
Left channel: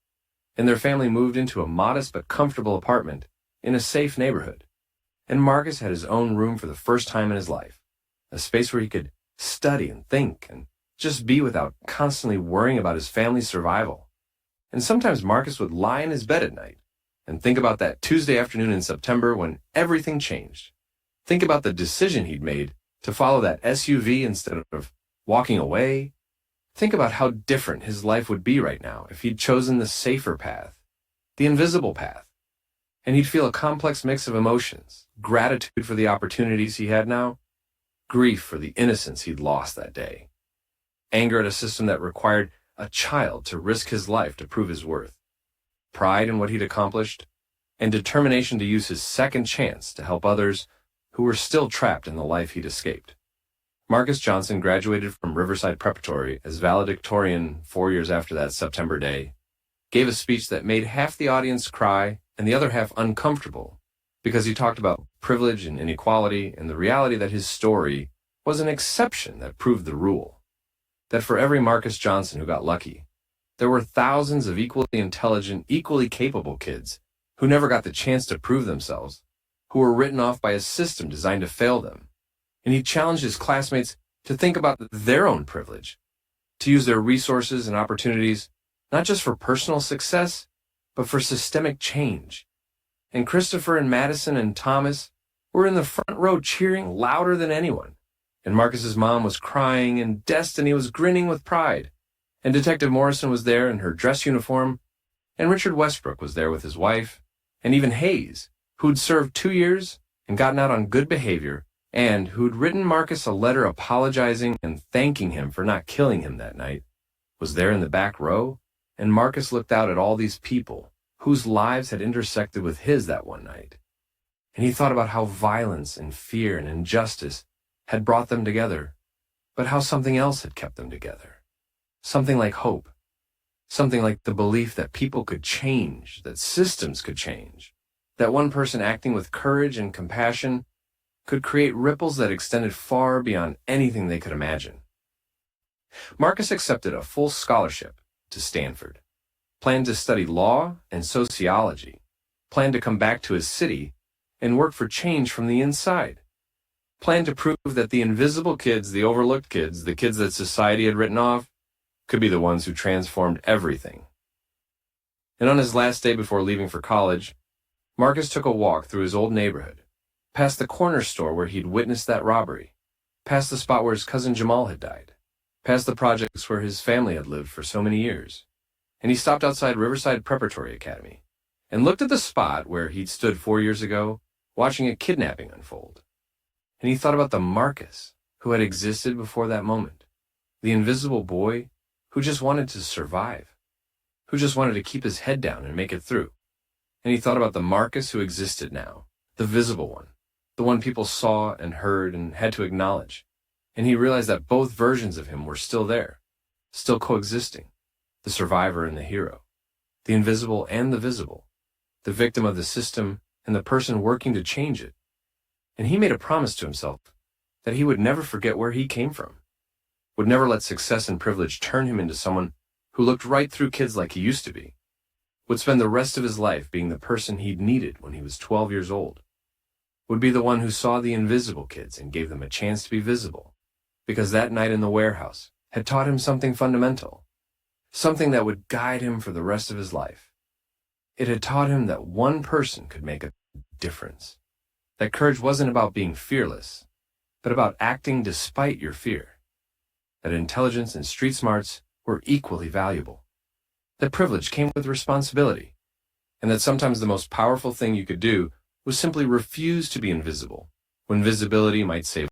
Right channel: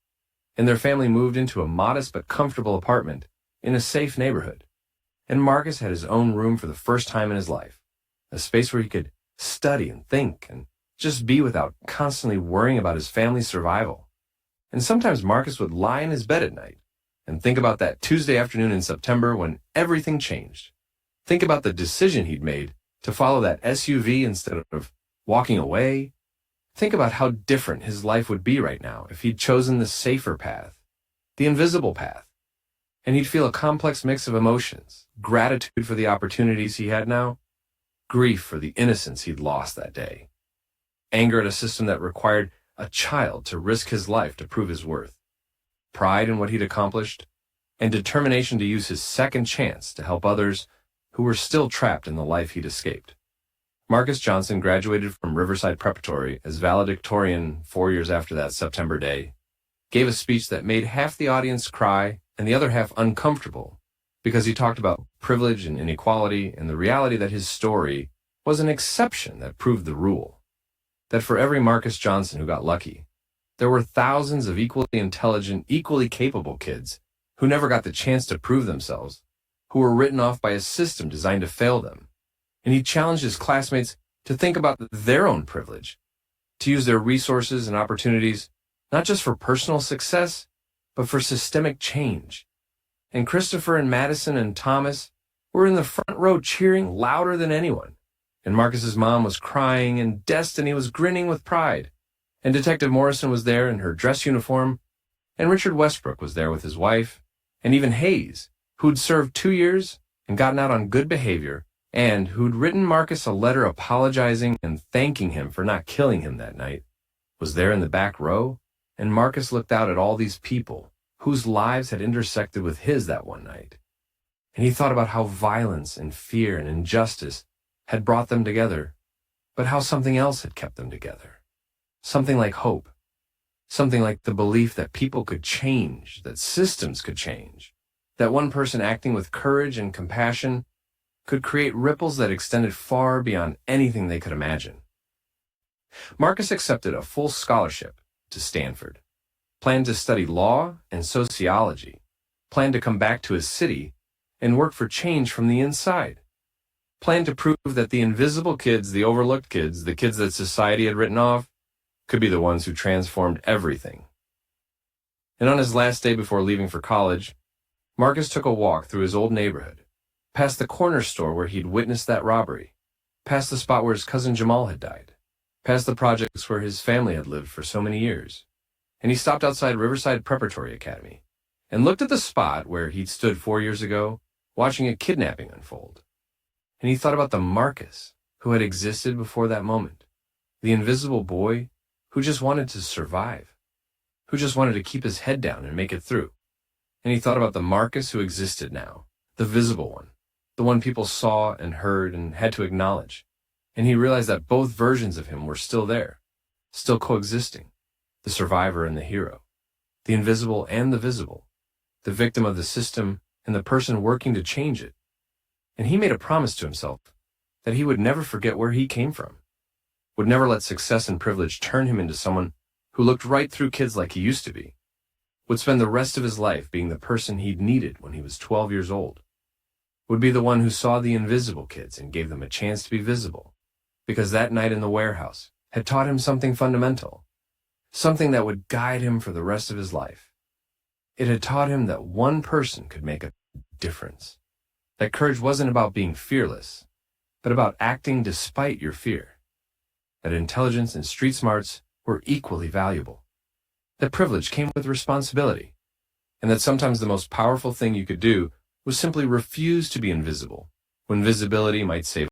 And their family moved into a modest but comfortable apartment in a safe neighborhood. And Marcus had his own room for the first time in his life, a space where he could study and think and just be without constantly worrying about his family's survival. And sometimes Marcus would lie in his bed at night and think about that Tuesday afternoon in September when everything changed. Think about the decision he'd made to follow that SUV instead of walking away. Think about how different his life would be right now if he'd chosen the safer path, the invisible path. And he'd feel a complex mix of emotions, gratitude for the opportunities he had now, grief for the innocence he'd lost that day, anger at a system that required a child to risk his life to prove his worth, pride in what he'd accomplished, and determination to use his second chance to help others who were still trapped in the life he'd escaped. Marcus Johnson graduated from Riverside Preparatory as valedictorian 4 years after that September day, gave a speech that made half the audience cry and the other half uncomfortable because he talked about privilege and inequality and the reality that his story was an exception that proved the rule. That for every Marcus Johnson who got lucky, there were thousands of equally intelligent, equally capable kids who never got the chance to prove themselves, who were written off by a system designed to fail them. And he challenged his classmates to think about their own privilege, to use their resources and opportunities, not just for personal success, but for systemic change. And Christopher and Madison and Thomas were in the front row cheering louder than anyone. And Marcus's mom was crying, and Destiny was grinning with pride. And Detective Morrison was there in her dress uniform, and Richard Westbrook was there with his wife, and even Hayes, who'd served 2 years and gotten out on good behavior, and who'd written Marcus a letter apologizing and thanking him for not killing him that night, was there in the back row. And Marcus looked out at all these people whose lives had intersected with his that one night. And he thought about how violence and fear and injustice had brought them together, but how something else had kept them together. Something like hope. Something like the belief that people could change, that systems could change, that one person acting with courage and compassion could create ripples that extended far beyond anything they could imagine. Marcus accepted a full scholarship to Stanford, planned to study law and sociology, planned to come back to his city and work for change from the inside. Planned to prove that the invisible kids, the overlooked kids, the kids that society had written off, could be the ones who transformed everything. And on his last day before leaving for college, Marcus took a walk through his old neighborhood, past the corner store where he'd witnessed that robbery, past the spot where his cousin Jamal had died, past the projects where his family had lived for so many years. And he stopped outside Riverside Preparatory Academy and looked at the spot where he'd stood 4 years ago, watching a kidnapping unfold. And he thought about the Marcus who had existed before that moment, the invisible boy who just wanted to survive, who just wanted to keep his head down and make it through. And he thought about the Marcus who existed now, the visible one, the one people saw and heard and had to acknowledge. And he realized that both versions of him were still there, still coexisting, the survivor and the hero, the invisible and the visible, the victim of the system and the person working to change it. And he made a promise to himself that he would never forget where he came from, would never let success and privilege turn him into someone who looked right through kids like he used to be, would spend the rest of his life being the person he'd needed when he was 12 years old, would be the one who saw the invisible kids and gave them a chance to be visible, because that night in the warehouse had taught him something fundamental, something that would guide him for the rest of his life. It had taught him that one person could make a difference, that courage wasn't about being fearless, but about acting despite your fear, that intelligence and street smarts were equally valuable, that privilege came with responsibility, and that sometimes the most powerful thing you could do was simply refuse to be invisible, when visibility might save